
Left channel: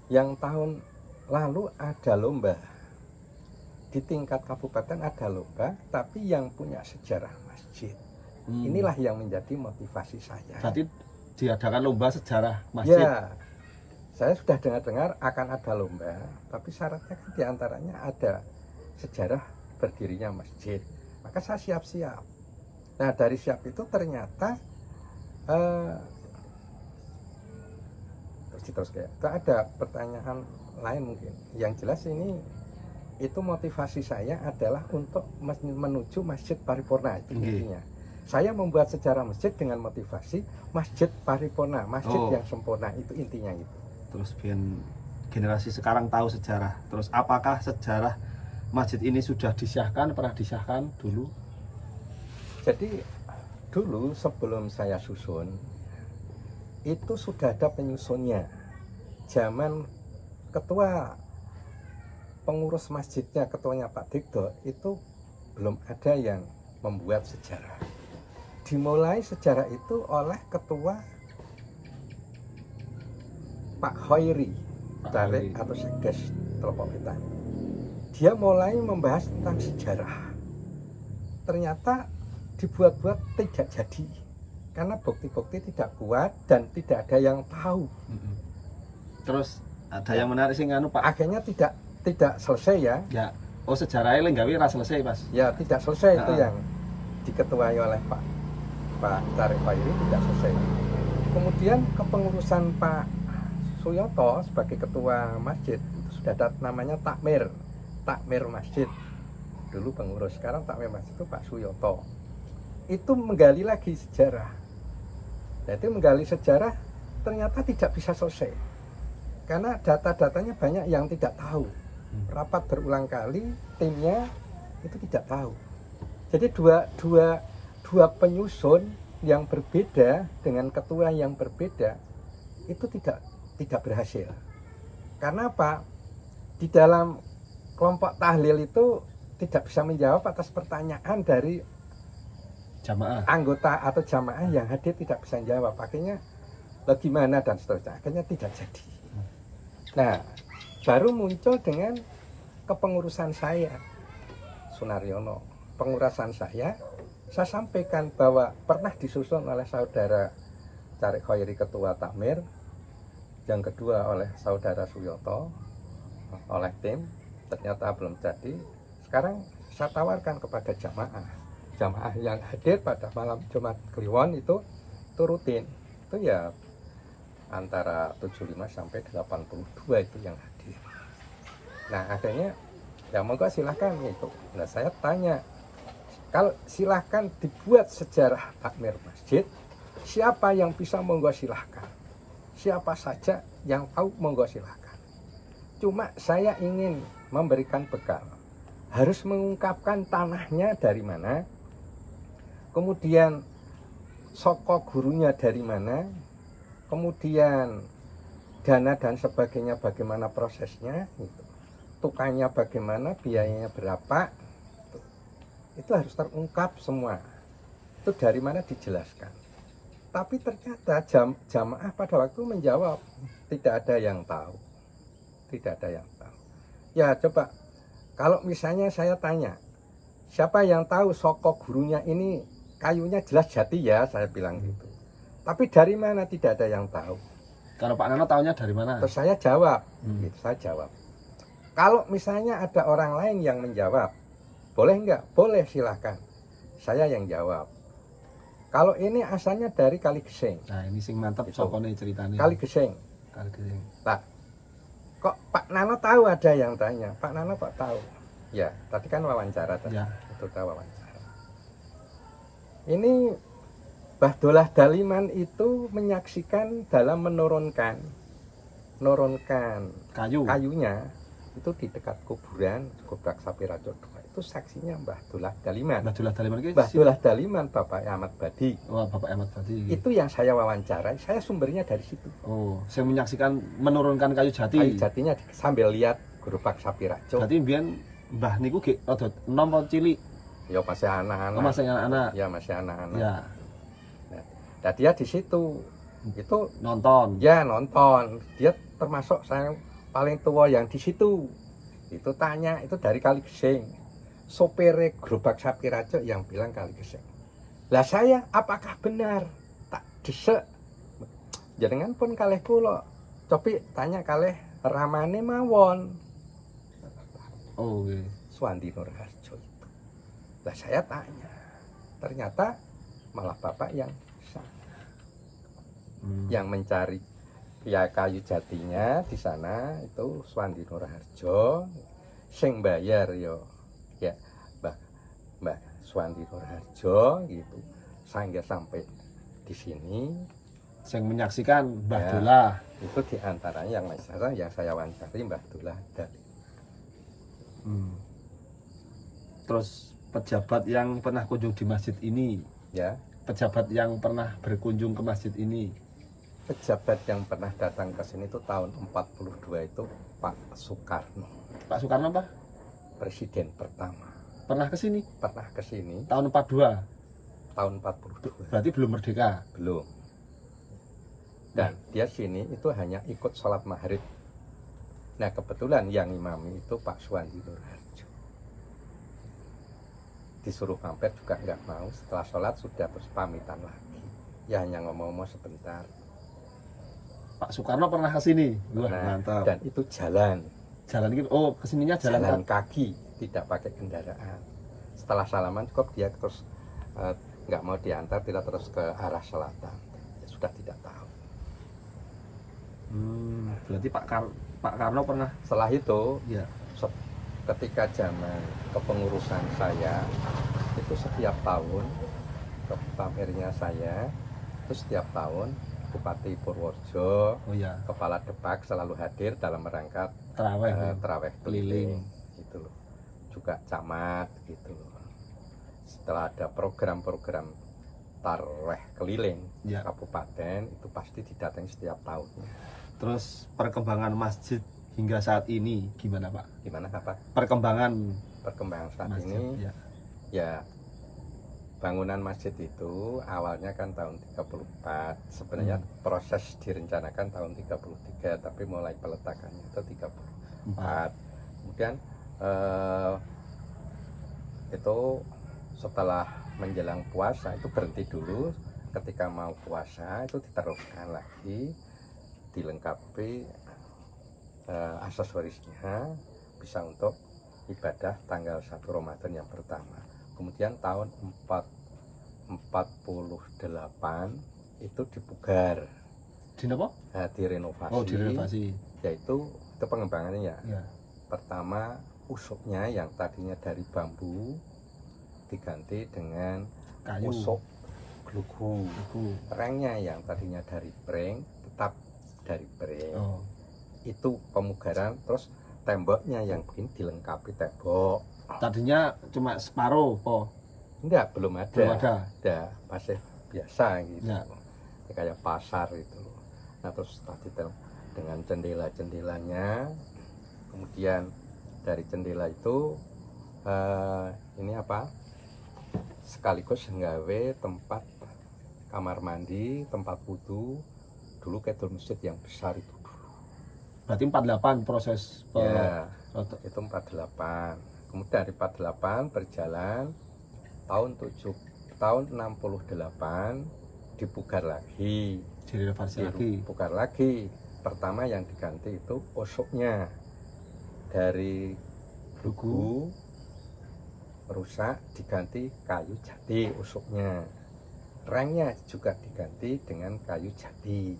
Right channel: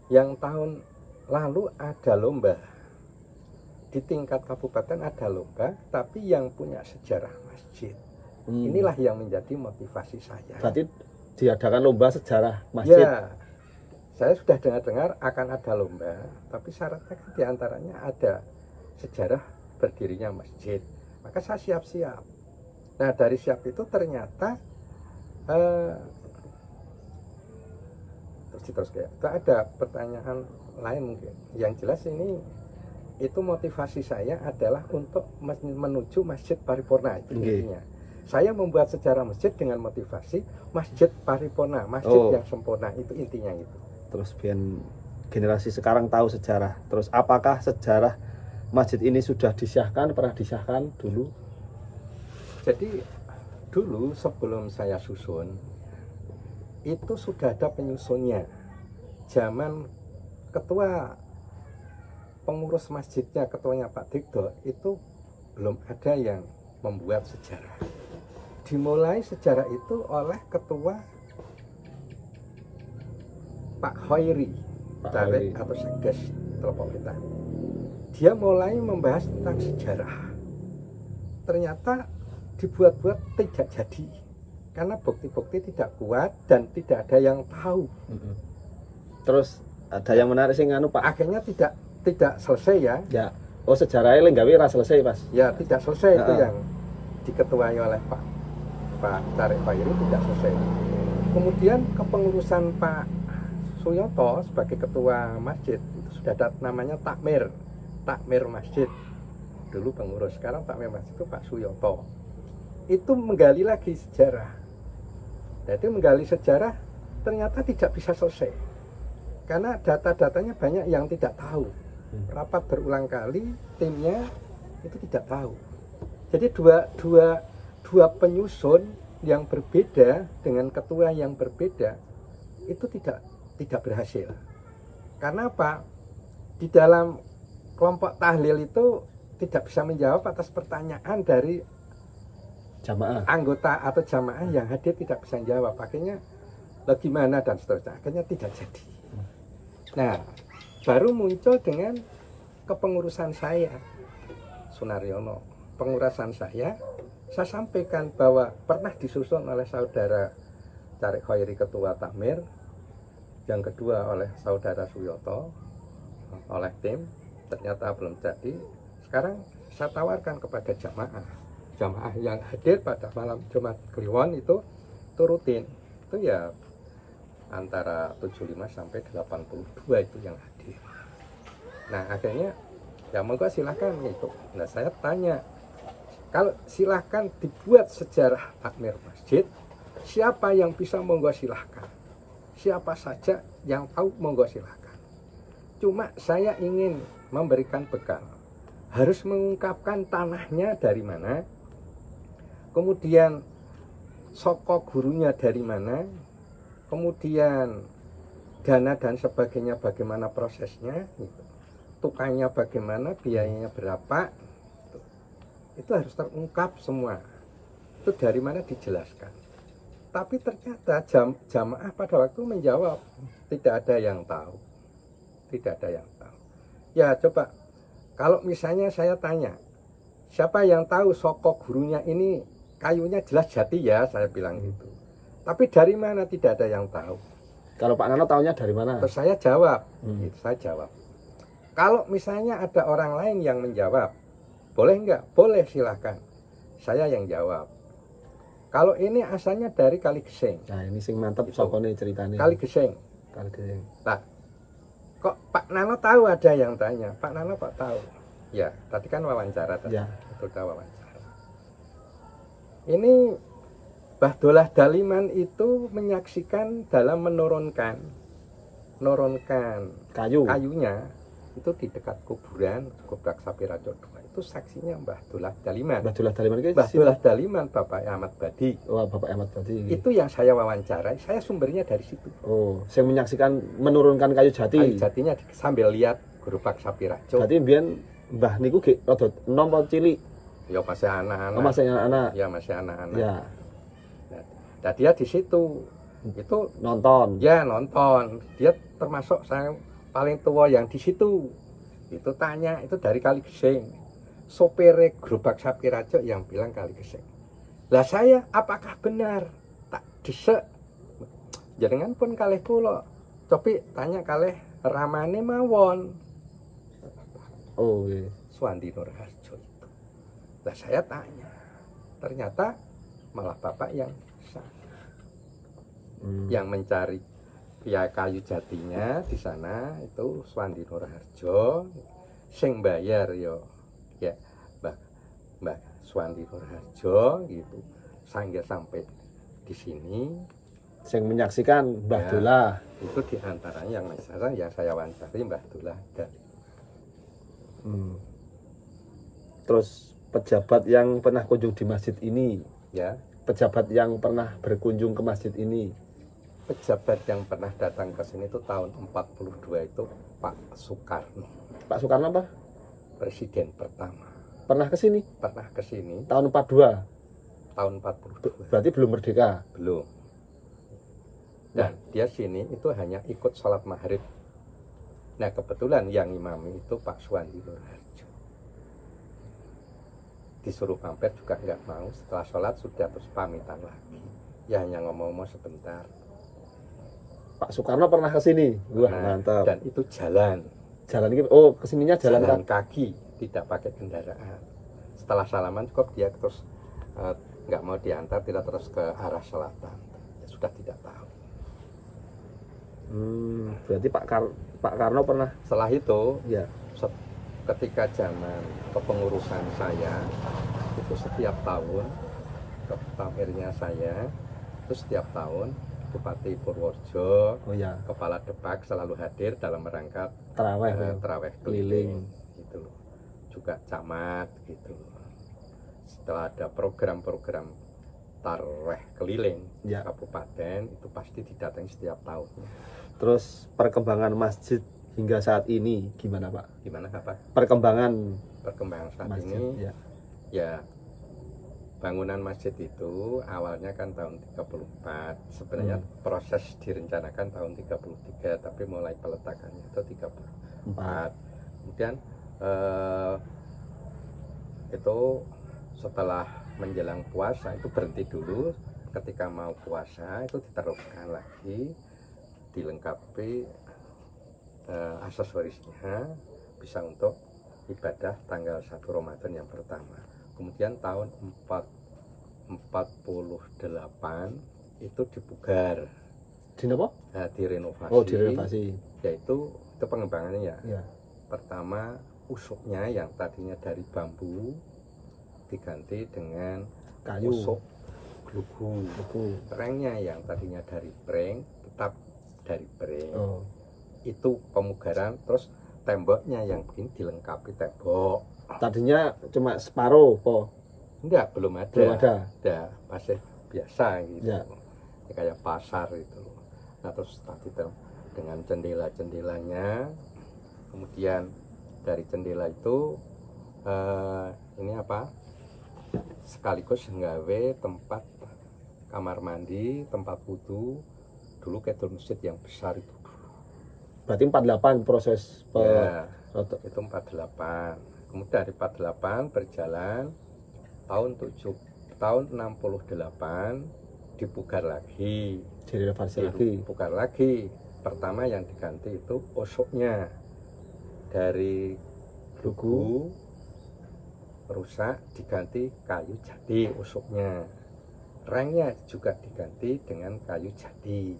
yang tahun lalu ada lomba di tingkat kabupaten, ada lomba tapi yang punya sejarah masjid. Inilah yang menjadi motivasi saya. Berarti diadakan lomba sejarah masjid. Ya, saya sudah dengar-dengar akan ada lomba, tapi syaratnya kan diantaranya ada sejarah berdirinya masjid. Maka saya siap-siap. Nah, dari siap itu ternyata terus kayak ada pertanyaan lain mungkin. Yang jelas ini itu motivasi saya adalah untuk menuju masjid paripurna, itu intinya. Saya membuat sejarah masjid dengan motivasi masjid paripurna, masjid yang sempurna, itu intinya itu. Terus biar generasi sekarang tahu sejarah. Terus apakah sejarah masjid ini sudah disahkan, pernah disahkan dulu? Jadi dulu sebelum saya susun itu sudah ada penyusunnya. Zaman ketua pengurus masjidnya, ketuanya Pak Digdo, itu belum ada yang membuat sejarah. Dimulai sejarah itu oleh ketua Pak Khairi, Tarik atau Sekdes Telpok Wetan. Dia mulai membahas tentang sejarah. Ternyata dibuat-buat tidak jadi karena bukti-bukti tidak kuat dan tidak ada yang tahu. Terus Ada yang menarik sih nganu Pak. Akhirnya tidak selesai ya. Ya. Oh sejarahnya lenggawi ra selesai Pas. Ya tidak selesai itu Heeh. yang diketuai oleh Pak Tariq Khairi tidak selesai. Kemudian kepengurusan Pak Suyoto sebagai ketua masjid itu sudah ada namanya takmir masjid. Dulu pengurus, sekarang takmir masjid itu Pak Suyoto. Itu menggali lagi sejarah. Jadi menggali sejarah ternyata tidak bisa selesai. Karena data-datanya banyak yang tidak tahu. Rapat berulang kali, timnya itu tidak tahu. Jadi dua penyusun yang berbeda dengan ketua yang berbeda itu tidak berhasil. Karena apa? Di dalam kelompok tahlil itu tidak bisa menjawab atas pertanyaan dari Jamaah. anggota atau jamaah yang hadir, tidak bisa menjawab. Akhirnya bagaimana dan seterusnya. Akhirnya tidak jadi. Nah, baru muncul dengan kepengurusan saya, Sunaryono. Pengurusan saya sampaikan bahwa pernah disusun oleh saudara Tariq Khairi ketua takmir, yang kedua oleh saudara Suyoto, oleh tim, ternyata belum jadi. Sekarang saya tawarkan kepada jamaah yang hadir pada malam Jumat Kliwon itu rutin, itu ya antara 75 sampai 82 itu yang hadir. Nah akhirnya ya monggo silahkan gitu. Nah saya tanya, kalau silahkan dibuat sejarah takmir masjid, siapa yang bisa monggo silahkan, siapa saja yang tahu monggo silahkan. Cuma saya ingin memberikan bekal, harus mengungkapkan tanahnya dari mana, kemudian soko gurunya dari mana, kemudian dana dan sebagainya bagaimana prosesnya, gitu. Tukangnya bagaimana, biayanya berapa, gitu. Itu harus terungkap semua. Itu dari mana dijelaskan. Tapi ternyata jamaah pada waktu menjawab tidak ada yang tahu, tidak ada yang tahu. Ya coba, kalau misalnya saya tanya, siapa yang tahu soko gurunya ini kayunya jelas jati ya, saya bilang gitu. Tapi dari mana tidak ada yang tahu. Kalau Pak Nano tahunya dari mana? Terus saya jawab, gitu, saya jawab. Kalau misalnya ada orang lain yang menjawab, boleh nggak? Boleh, silahkan. Saya yang jawab. Kalau ini asalnya dari Kali Geseng. Nah ini sing mantap Gitu. sokone ceritanya. Kali Geseng. Kali Geseng. Nah, kok Pak Nano tahu, ada yang tanya. Pak Nano kok tahu? Ya, tadi kan wawancara tadi. Ya. Itu udah wawancara. Ini Mbah Dolah Daliman itu menyaksikan dalam menurunkan kayunya itu di dekat kuburan Gobrak Sapiraco II. Itu saksinya Mbah Dolah Daliman. Mbah Dolah Daliman iki Mbah Dolah Daliman Bapak Ahmad Badi. Wah, Bapak Ahmad Badi. Itu yang saya wawancarai, saya sumbernya dari situ. Oh, saya menyaksikan menurunkan kayu jati. Kayu jatinya sambil lihat Gobrak Sapiraco. Berarti mbiyen Mbah niku ge rada enom apa cilik? Ya masih anak-anak. Oh, masih anak-anak. Ya masih anak-anak. Ya. Nah, dia di situ. Itu Nonton. ya nonton. Dia termasuk saya paling tua yang di situ. Itu tanya, itu dari Kali Geseng. Sopere Gerobak Sapiraco yang bilang Kali Geseng. Lah saya apakah benar? Tak desek. Jenengan pun kalih kula. Cobi tanya kalih ramane mawon. Oh, iya. Suwandi Nurharjo itu. Lah saya tanya. Ternyata malah bapak yang yang mencari ya kayu jatinya di sana itu Suwandi Nurharjo, sing bayar yo ya Mbak Suwandi Nurharjo gitu. Sehingga sampai di sini Sing menyaksikan Mbah ya, Dolah. itu diantaranya yang saya wawancari Mbah Dolah dari. Terus pejabat yang pernah kunjung di masjid ini, Ya, pejabat yang pernah berkunjung ke masjid ini, pejabat yang pernah datang ke sini itu tahun 42 itu Pak Soekarno, Pak Soekarno apa? presiden pertama. Pernah ke sini Pernah ke sini tahun 42. tahun 42. Berarti belum merdeka. Belum. Dan dia sini itu hanya ikut sholat maghrib. Nah kebetulan yang imami itu Pak Suwandi Nurharjo. Disuruh mampir juga nggak mau. Setelah sholat sudah terus pamitan lagi. Ya hanya ngomong-ngomong sebentar. Pak Soekarno pernah ke sini. Wah, Nah, mantap. dan itu jalan Jalan ini, oh kesininya jalan kaki, tidak pakai kendaraan. Setelah salaman kok dia terus nggak mau diantar, tidak terus ke arah selatan. Ya, sudah tidak tahu. Berarti Pak Karno pernah. Setelah itu, Ya. ketika zaman kepengurusan saya, itu setiap tahun pamernya saya itu setiap tahun Bupati Purworejo, Oh ya. Kepala Depag selalu hadir dalam rangka Terawih. terawih keliling gitu loh. Juga camat gitu loh. Setelah ada program-program tarawih keliling Ya. kabupaten itu pasti didatangi setiap tahunnya. Terus perkembangan masjid hingga saat ini gimana Pak? Gimana apa Perkembangan saat masjid, ini? ya. Ya, bangunan masjid itu awalnya kan tahun 34. Sebenarnya proses direncanakan tahun 33, tapi mulai peletakannya itu 34. Kemudian itu setelah menjelang puasa itu berhenti dulu. Ketika mau puasa itu diteruskan lagi, dilengkapi aksesorisnya, bisa untuk ibadah tanggal 1 Ramadan yang pertama. Kemudian tahun 48 itu dipugar, direnovasi. Oh, direnovasi. Yaitu itu pengembangannya ya. Ya. Pertama usuknya yang tadinya dari bambu diganti dengan Kayu. usuk glugu. Rengnya yang tadinya dari pring tetap dari pring. Oh. Itu pemugaran. Terus temboknya yang begini dilengkapi tembok. Tadinya cuma separuh, oh. Enggak, belum ada. Belum ada. Ada, masih biasa gitu. Ya. Kayak pasar itu. Nah, terus tadi dengan jendela-jendelanya. Kemudian dari jendela itu ini apa? Sekaligus nggawe tempat kamar mandi, tempat wudhu. Dulu kayak masjid yang besar itu dulu. Berarti 48 proses Ya, itu 48. Kemudian dari 48 berjalan tahun 68 dipugar lagi. Dipugar lagi. Pertama yang diganti itu usuknya. Dari glugu rusak diganti kayu jati usuknya. Rengnya juga diganti dengan kayu jati.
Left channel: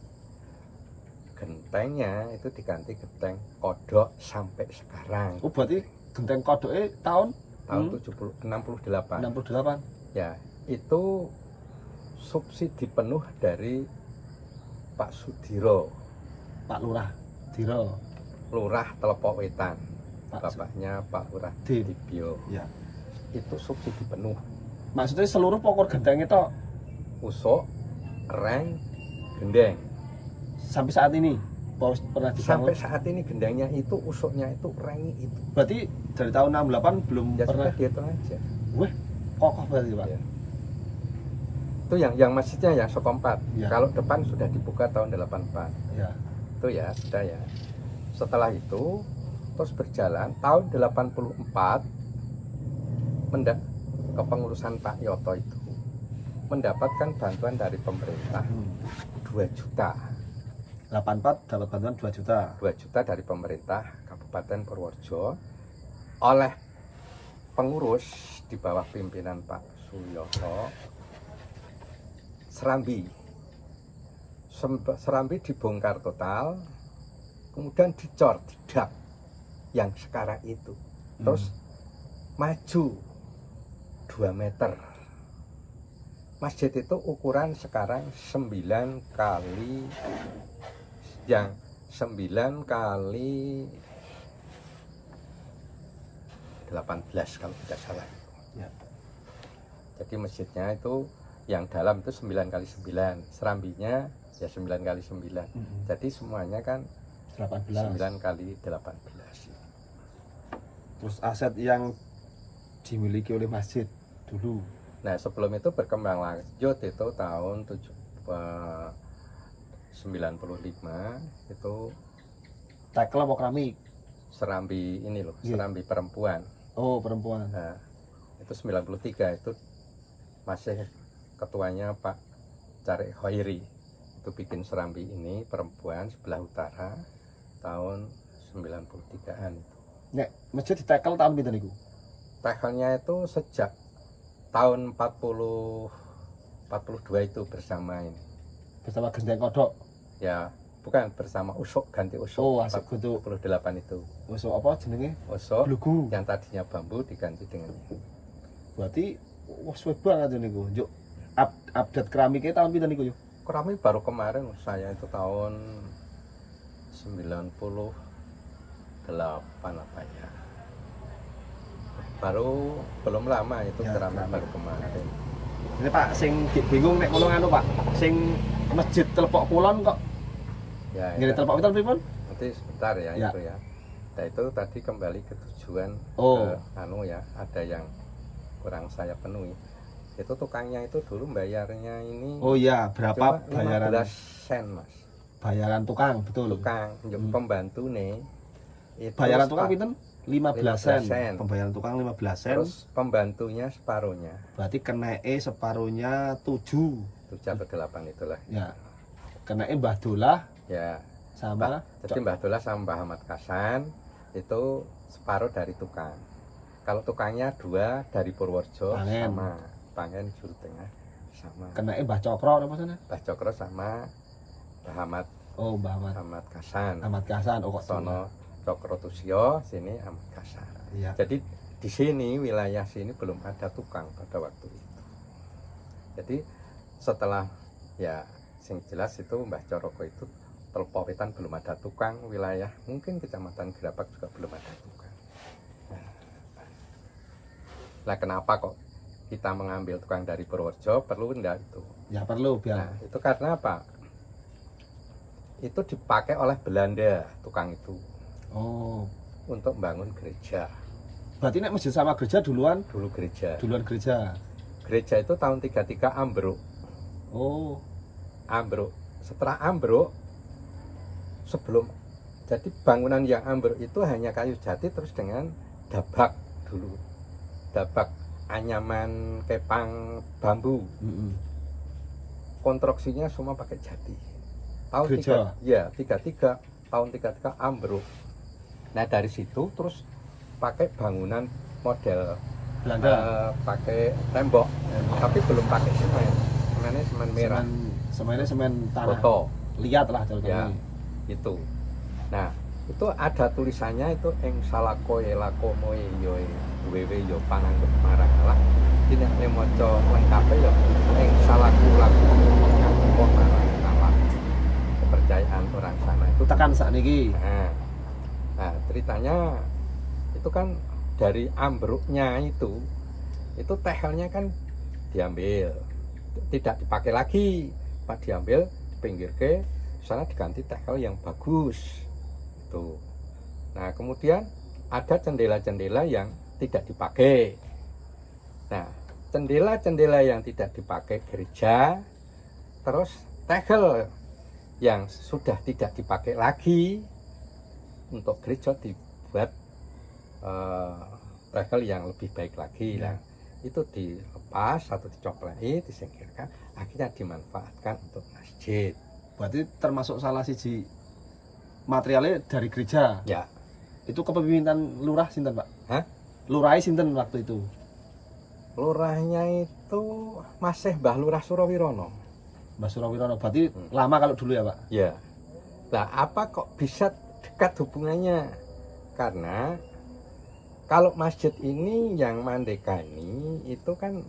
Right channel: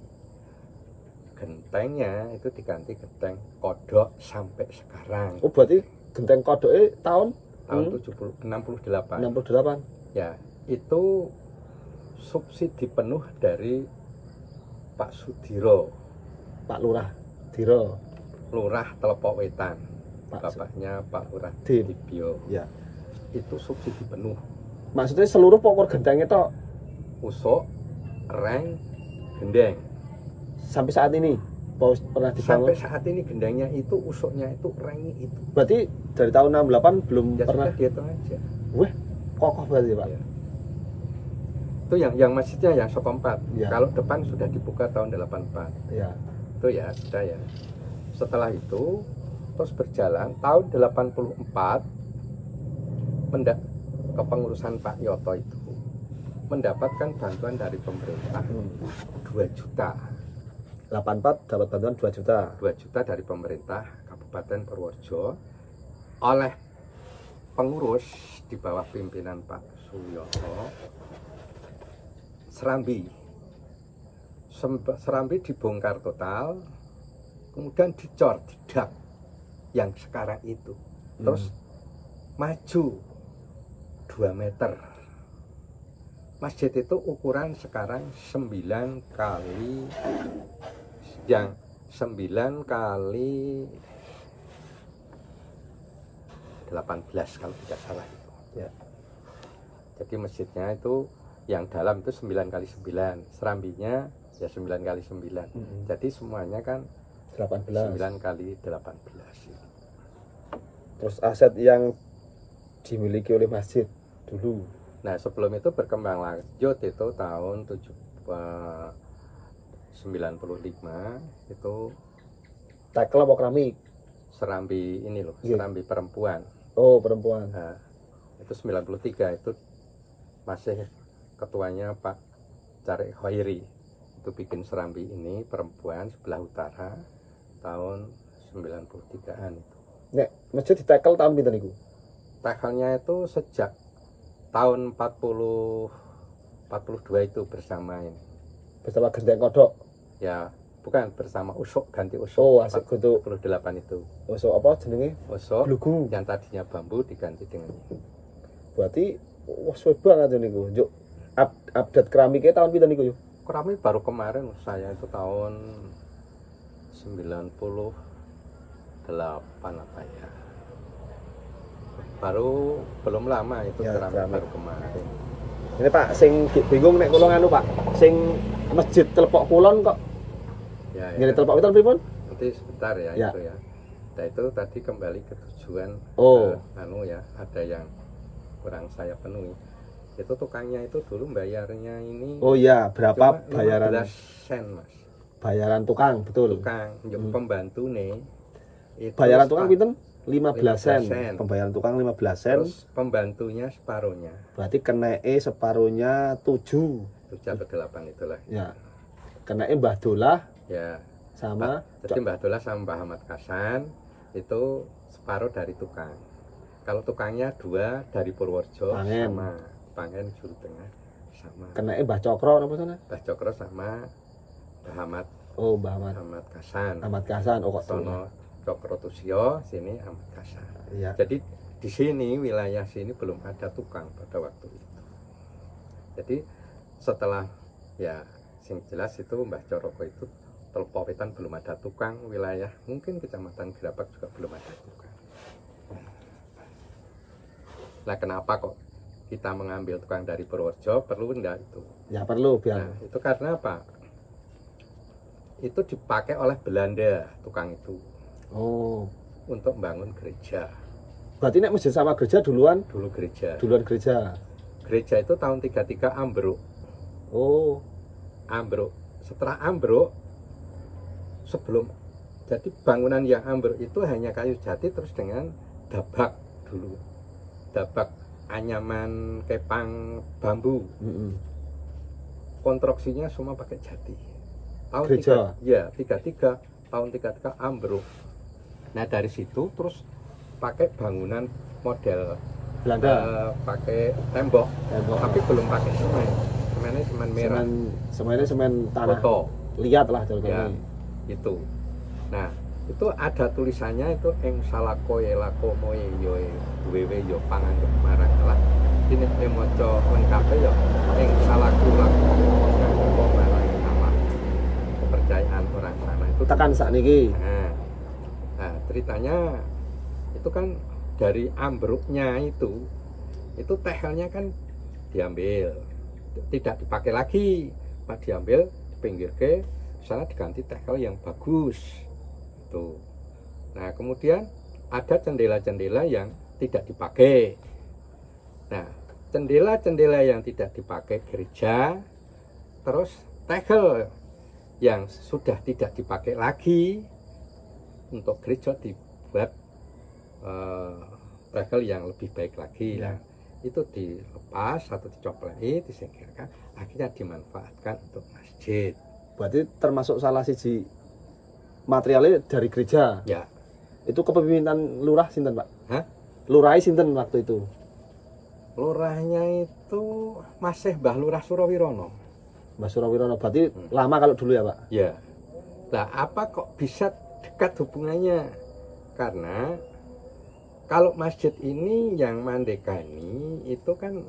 Gentengnya itu diganti genteng kodok sampai sekarang. Oh, berarti genteng kodoknya tahun 68. Ya, itu subsidi penuh dari Pak Sudiro, Pak Lurah Diro, Lurah Telepok Wetan, bapaknya Pak Lurah Dibio. Ya. Itu subsidi penuh. Maksudnya seluruh pokok genteng itu Usuk, reng, gendeng. Sampai saat ini pernah dibangun? Sampai saat ini gendengnya itu, usuknya itu, rengnya itu. Berarti dari tahun 68 belum Ya pernah. sudah dihitung aja. Wah, kokoh berarti Pak. Ya. Itu yang masjidnya yang Sokompat. Ya. Kalau depan sudah dibuka tahun 84. Ya. Itu ya, sudah ya. Setelah itu terus berjalan tahun 84 kepengurusan Pak Yoto itu mendapatkan bantuan dari pemerintah 2 juta. 84 dapat bantuan 2 juta. 2 juta dari pemerintah Kabupaten Purworejo oleh pengurus di bawah pimpinan Pak Suyoto. Serambi dibongkar total, kemudian dicor, didak yang sekarang itu. Terus maju 2 meter. Masjid itu ukuran sekarang 9 kali 18 kalau tidak salah itu. Ya. Jadi masjidnya itu yang dalam itu 9 kali 9, serambinya ya 9 kali 9. Jadi semuanya kan 18. 9 kali 18 itu. Terus aset yang dimiliki oleh masjid dulu. Nah, sebelum itu berkembang lanjut itu tahun 95 itu Takel apa keramik? serambi ini loh, serambi perempuan. Oh, perempuan. Nah, itu 93 itu masih ketuanya Pak Cari Khairi. itu bikin Serambi ini perempuan sebelah utara tahun 93-an itu. Nek masjid ditekel tahun pinten niku? Tekelnya itu sejak tahun 42 itu bersama ini. Bersama Gendeng Kodok. Ya, bukan bersama Usuk, ganti Usuk. Oh, asik kudu 48 itu. usuk apa jenenge? Usuk Blugu. yang tadinya bambu diganti dengan ini. Berarti wah suwe banget niku. Yuk update keramiknya tahun pinten niku yuk? Keramik baru kemarin saya itu tahun 98 apa ya. Baru belum lama itu Ya, keramik keramik. baru kemarin. Ini Pak sing bingung nek kula nganu Pak, sing masjid Telepok Kulon kok Ya, ngene ya. Telepok Witan pripun? Nanti sebentar ya, Ya. itu ya. Nah itu tadi kembali ke tujuan Oh. anu ya, ada yang kurang saya penuhi. Itu tukangnya itu dulu bayarnya ini Oh iya, berapa cuma bayaran 15 sen Mas. bayaran tukang, betul. Tukang, pembantu nih. Itu Bayaran tukang sepa- pinten? 15 sen. 15 sen. Pembayaran tukang 15 sen. Terus pembantunya separuhnya. Berarti keneke separuhnya 7. 7 atau 8 itulah. Ya. Keneke Mbah Dolah Ya. sama Jadi Mbah Dolah sama Mbah Ahmad Kasan itu separuh dari tukang. Kalau tukangnya 2 dari Purworejo Pangen. sama Pangen Juru Tengah sama keneke Mbah Cokro apa sana? Mbah Cokro sama Mbah Ahmad Oh, Mbah Ahmad Kasan. Ahmad Kasan. Oh kok Sono Cokro Tusio, sini Ahmad Kasan. Iya. Jadi di sini wilayah sini belum ada tukang pada waktu itu. Jadi setelah ya sing jelas itu Mbah Coroko itu Telepok Wetan belum ada tukang, wilayah mungkin Kecamatan Gerabak juga belum ada tukang. Nah kenapa kok kita mengambil tukang dari Purworejo? Perlu enggak itu? Ya perlu biar. Nah itu karena apa? Itu dipakai oleh Belanda tukang itu Oh. untuk membangun gereja. Berarti nek masjid sama gereja duluan Dulu gereja. gereja. Gereja itu tahun 33 ambruk. Oh. Ambruk. Setelah ambruk, sebelum jadi bangunan yang ambruk itu hanya kayu jati terus dengan dabak dulu. Dabak anyaman kepang bambu. Konstruksinya semua pakai jati. Tahun Gereja? 33 tahun 33 ambruk. Nah dari situ terus pakai bangunan model Belanda. pakai tembok, tapi belum pakai semen. Semennya semen merah. Semennya semen tanah. Foto. Lihat lah contohnya. Ya, itu. Nah, itu ada tulisannya itu ing salako yelako moye yo duwewe yo panganggep marang Allah. Dene nek maca lengkape yo ing salaku laku panganggep marang Allah. Kepercayaan orang sana itu Tekan sakniki. Nah, ceritanya itu kan dari ambruknya itu tehelnya kan diambil, tidak dipakai lagi, Pak, diambil pinggir ke sana diganti tehel yang bagus itu. Nah kemudian ada jendela-jendela yang tidak dipakai. Nah jendela-jendela yang tidak dipakai gereja, terus tehel yang sudah tidak dipakai lagi untuk gereja dibuat tehel yang lebih baik lagi. Ya. Nah, itu dilepas atau dicoplai, disingkirkan, akhirnya dimanfaatkan untuk masjid. Berarti termasuk salah siji materialnya dari gereja. Ya, Itu kepemimpinan lurah sinten, Pak? hah? Lurah sinten waktu itu? Lurahnya itu masih Mbah Lurah Surawirono. Mbah Surawirono. Berarti lama kalau dulu ya, Pak? Ya. Nah, apa kok bisa dekat hubungannya? Karena kalau masjid ini yang mandekani itu kan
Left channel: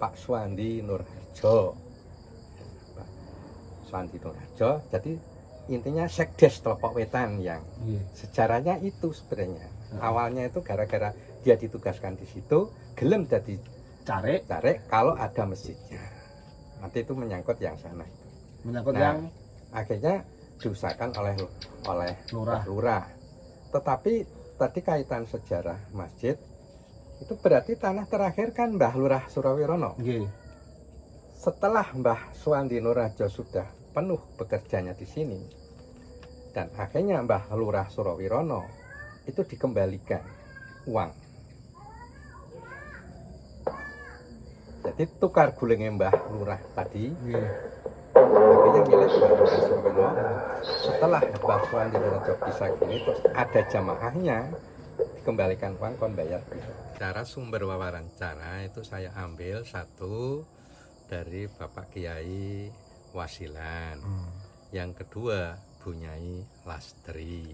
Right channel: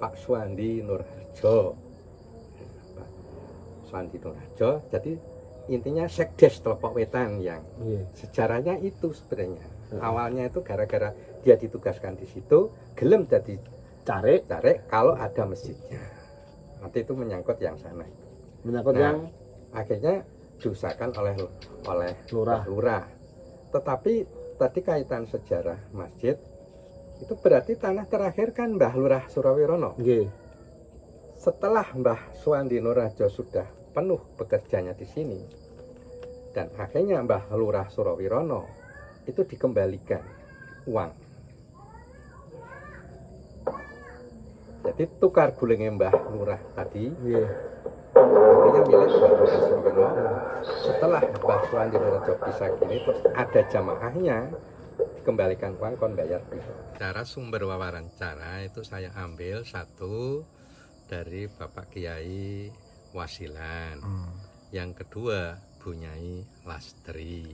Pak Suwandi Nurharjo. Pak Suwandi Nurharjo. Jadi intinya Sekdes Telepok Wetan yang Iya. sejarahnya itu sebenarnya. Awalnya itu gara-gara dia ditugaskan di situ, gelem jadi Cari tarik kalau ada masjidnya. Nanti itu menyangkut yang sana itu. menyangkut Nah, yang akhirnya diusahakan oleh lurah. lurah. Tetapi tadi kaitan sejarah masjid itu berarti tanah terakhir kan Mbah Lurah Surawirono. Nggih. Setelah Mbah Suwandi Nurharjo sudah penuh bekerjanya di sini dan akhirnya Mbah Lurah Surawirono itu dikembalikan uang. Jadi tukar gulingnya Mbah Lurah tadi Nggih. akhirnya milih Mbah Suweno. Setelah Mbah Suwandi Nuradjo pisah gini, terus ada jamaahnya, dikembalikan uang kon bayar gitu. Cara sumber wawancara itu saya ambil satu dari Bapak Kiai Wasilan, yang kedua Bunyai Lastri,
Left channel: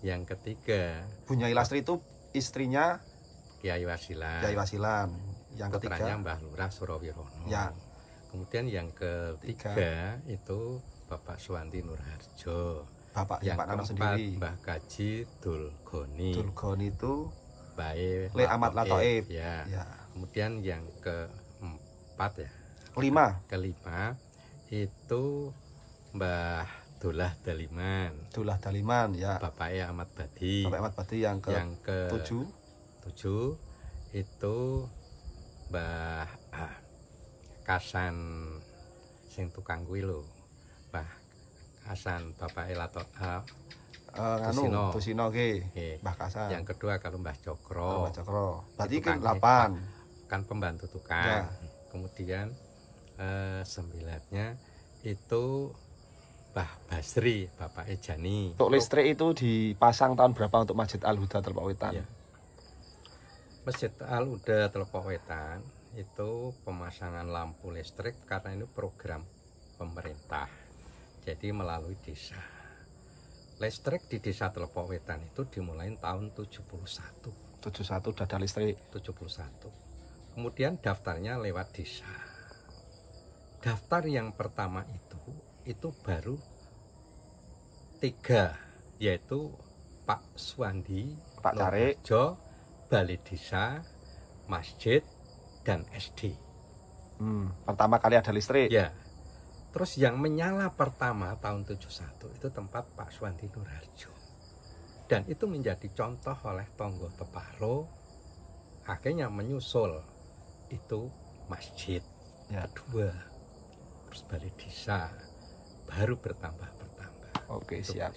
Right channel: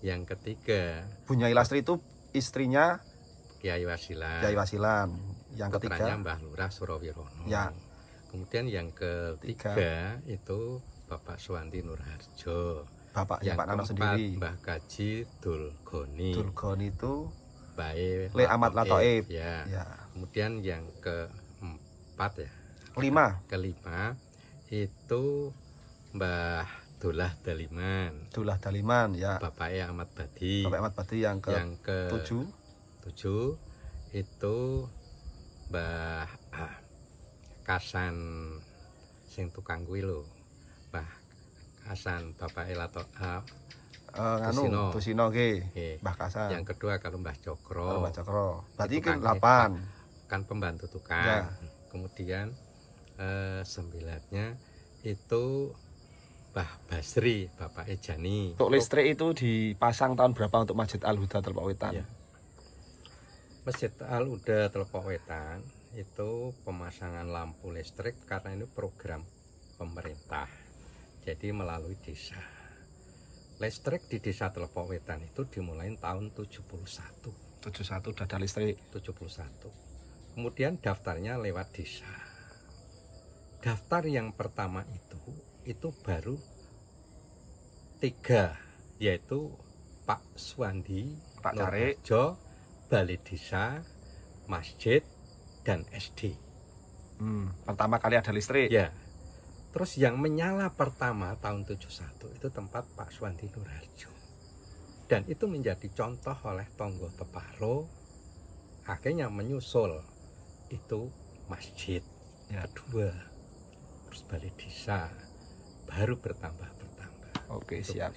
yang ketiga Bunyai Lastri itu istrinya Kiai Wasilan. Kiai Wasilan. Yang putranya ketiga Mbah Lurah Surawirono. ya. Kemudian yang ketiga itu Bapak Suwanti Nurharjo. Bapaknya Yang Pak Nano keempat sendiri. Mbah Kaji Dulgoni. Dulgoni itu Bae Le Ahmad Latoib. Ya. Ya. Kemudian yang keempat ya. Kelima itu Mbah Dullah Daliman. Dullah Daliman ya. Bapaknya Ahmad Badi. Bapak Ahmad Badi yang ke tujuh itu Mbah Kasan sing tukang kuwi lho. Mbah Kasan Bapak Elato Tusino nggih. Mbah Kasan. Yang kedua kalau Mbah Cokro. Mbah Cokro. Berarti kan 8. Kan pembantu tukang. Ya. Kemudian 9-nya itu Mbah Basri, Bapak Ejani. Untuk listrik itu dipasang tahun berapa untuk Masjid Al-Huda Telpok Wetan? Ya. Masjid Al-Huda Telpok Wetan itu pemasangan lampu listrik karena ini program pemerintah. Jadi melalui desa. Listrik di desa Telpok Wetan itu dimulai tahun 71. 71 udah ada listrik. 71. Kemudian daftarnya lewat desa. Daftar yang pertama itu baru 3, yaitu Pak Suwandi, Pak Carik, Balai Desa, Masjid, dan SD. Pertama kali ada listrik. Ya. Terus yang menyala pertama tahun 71 itu tempat Pak Suwandi Nurharjo. Dan itu menjadi contoh oleh Tonggo Teparo. Akhirnya menyusul itu masjid. Ya. Kedua, terus Balai Desa, baru bertambah. Oke, siap.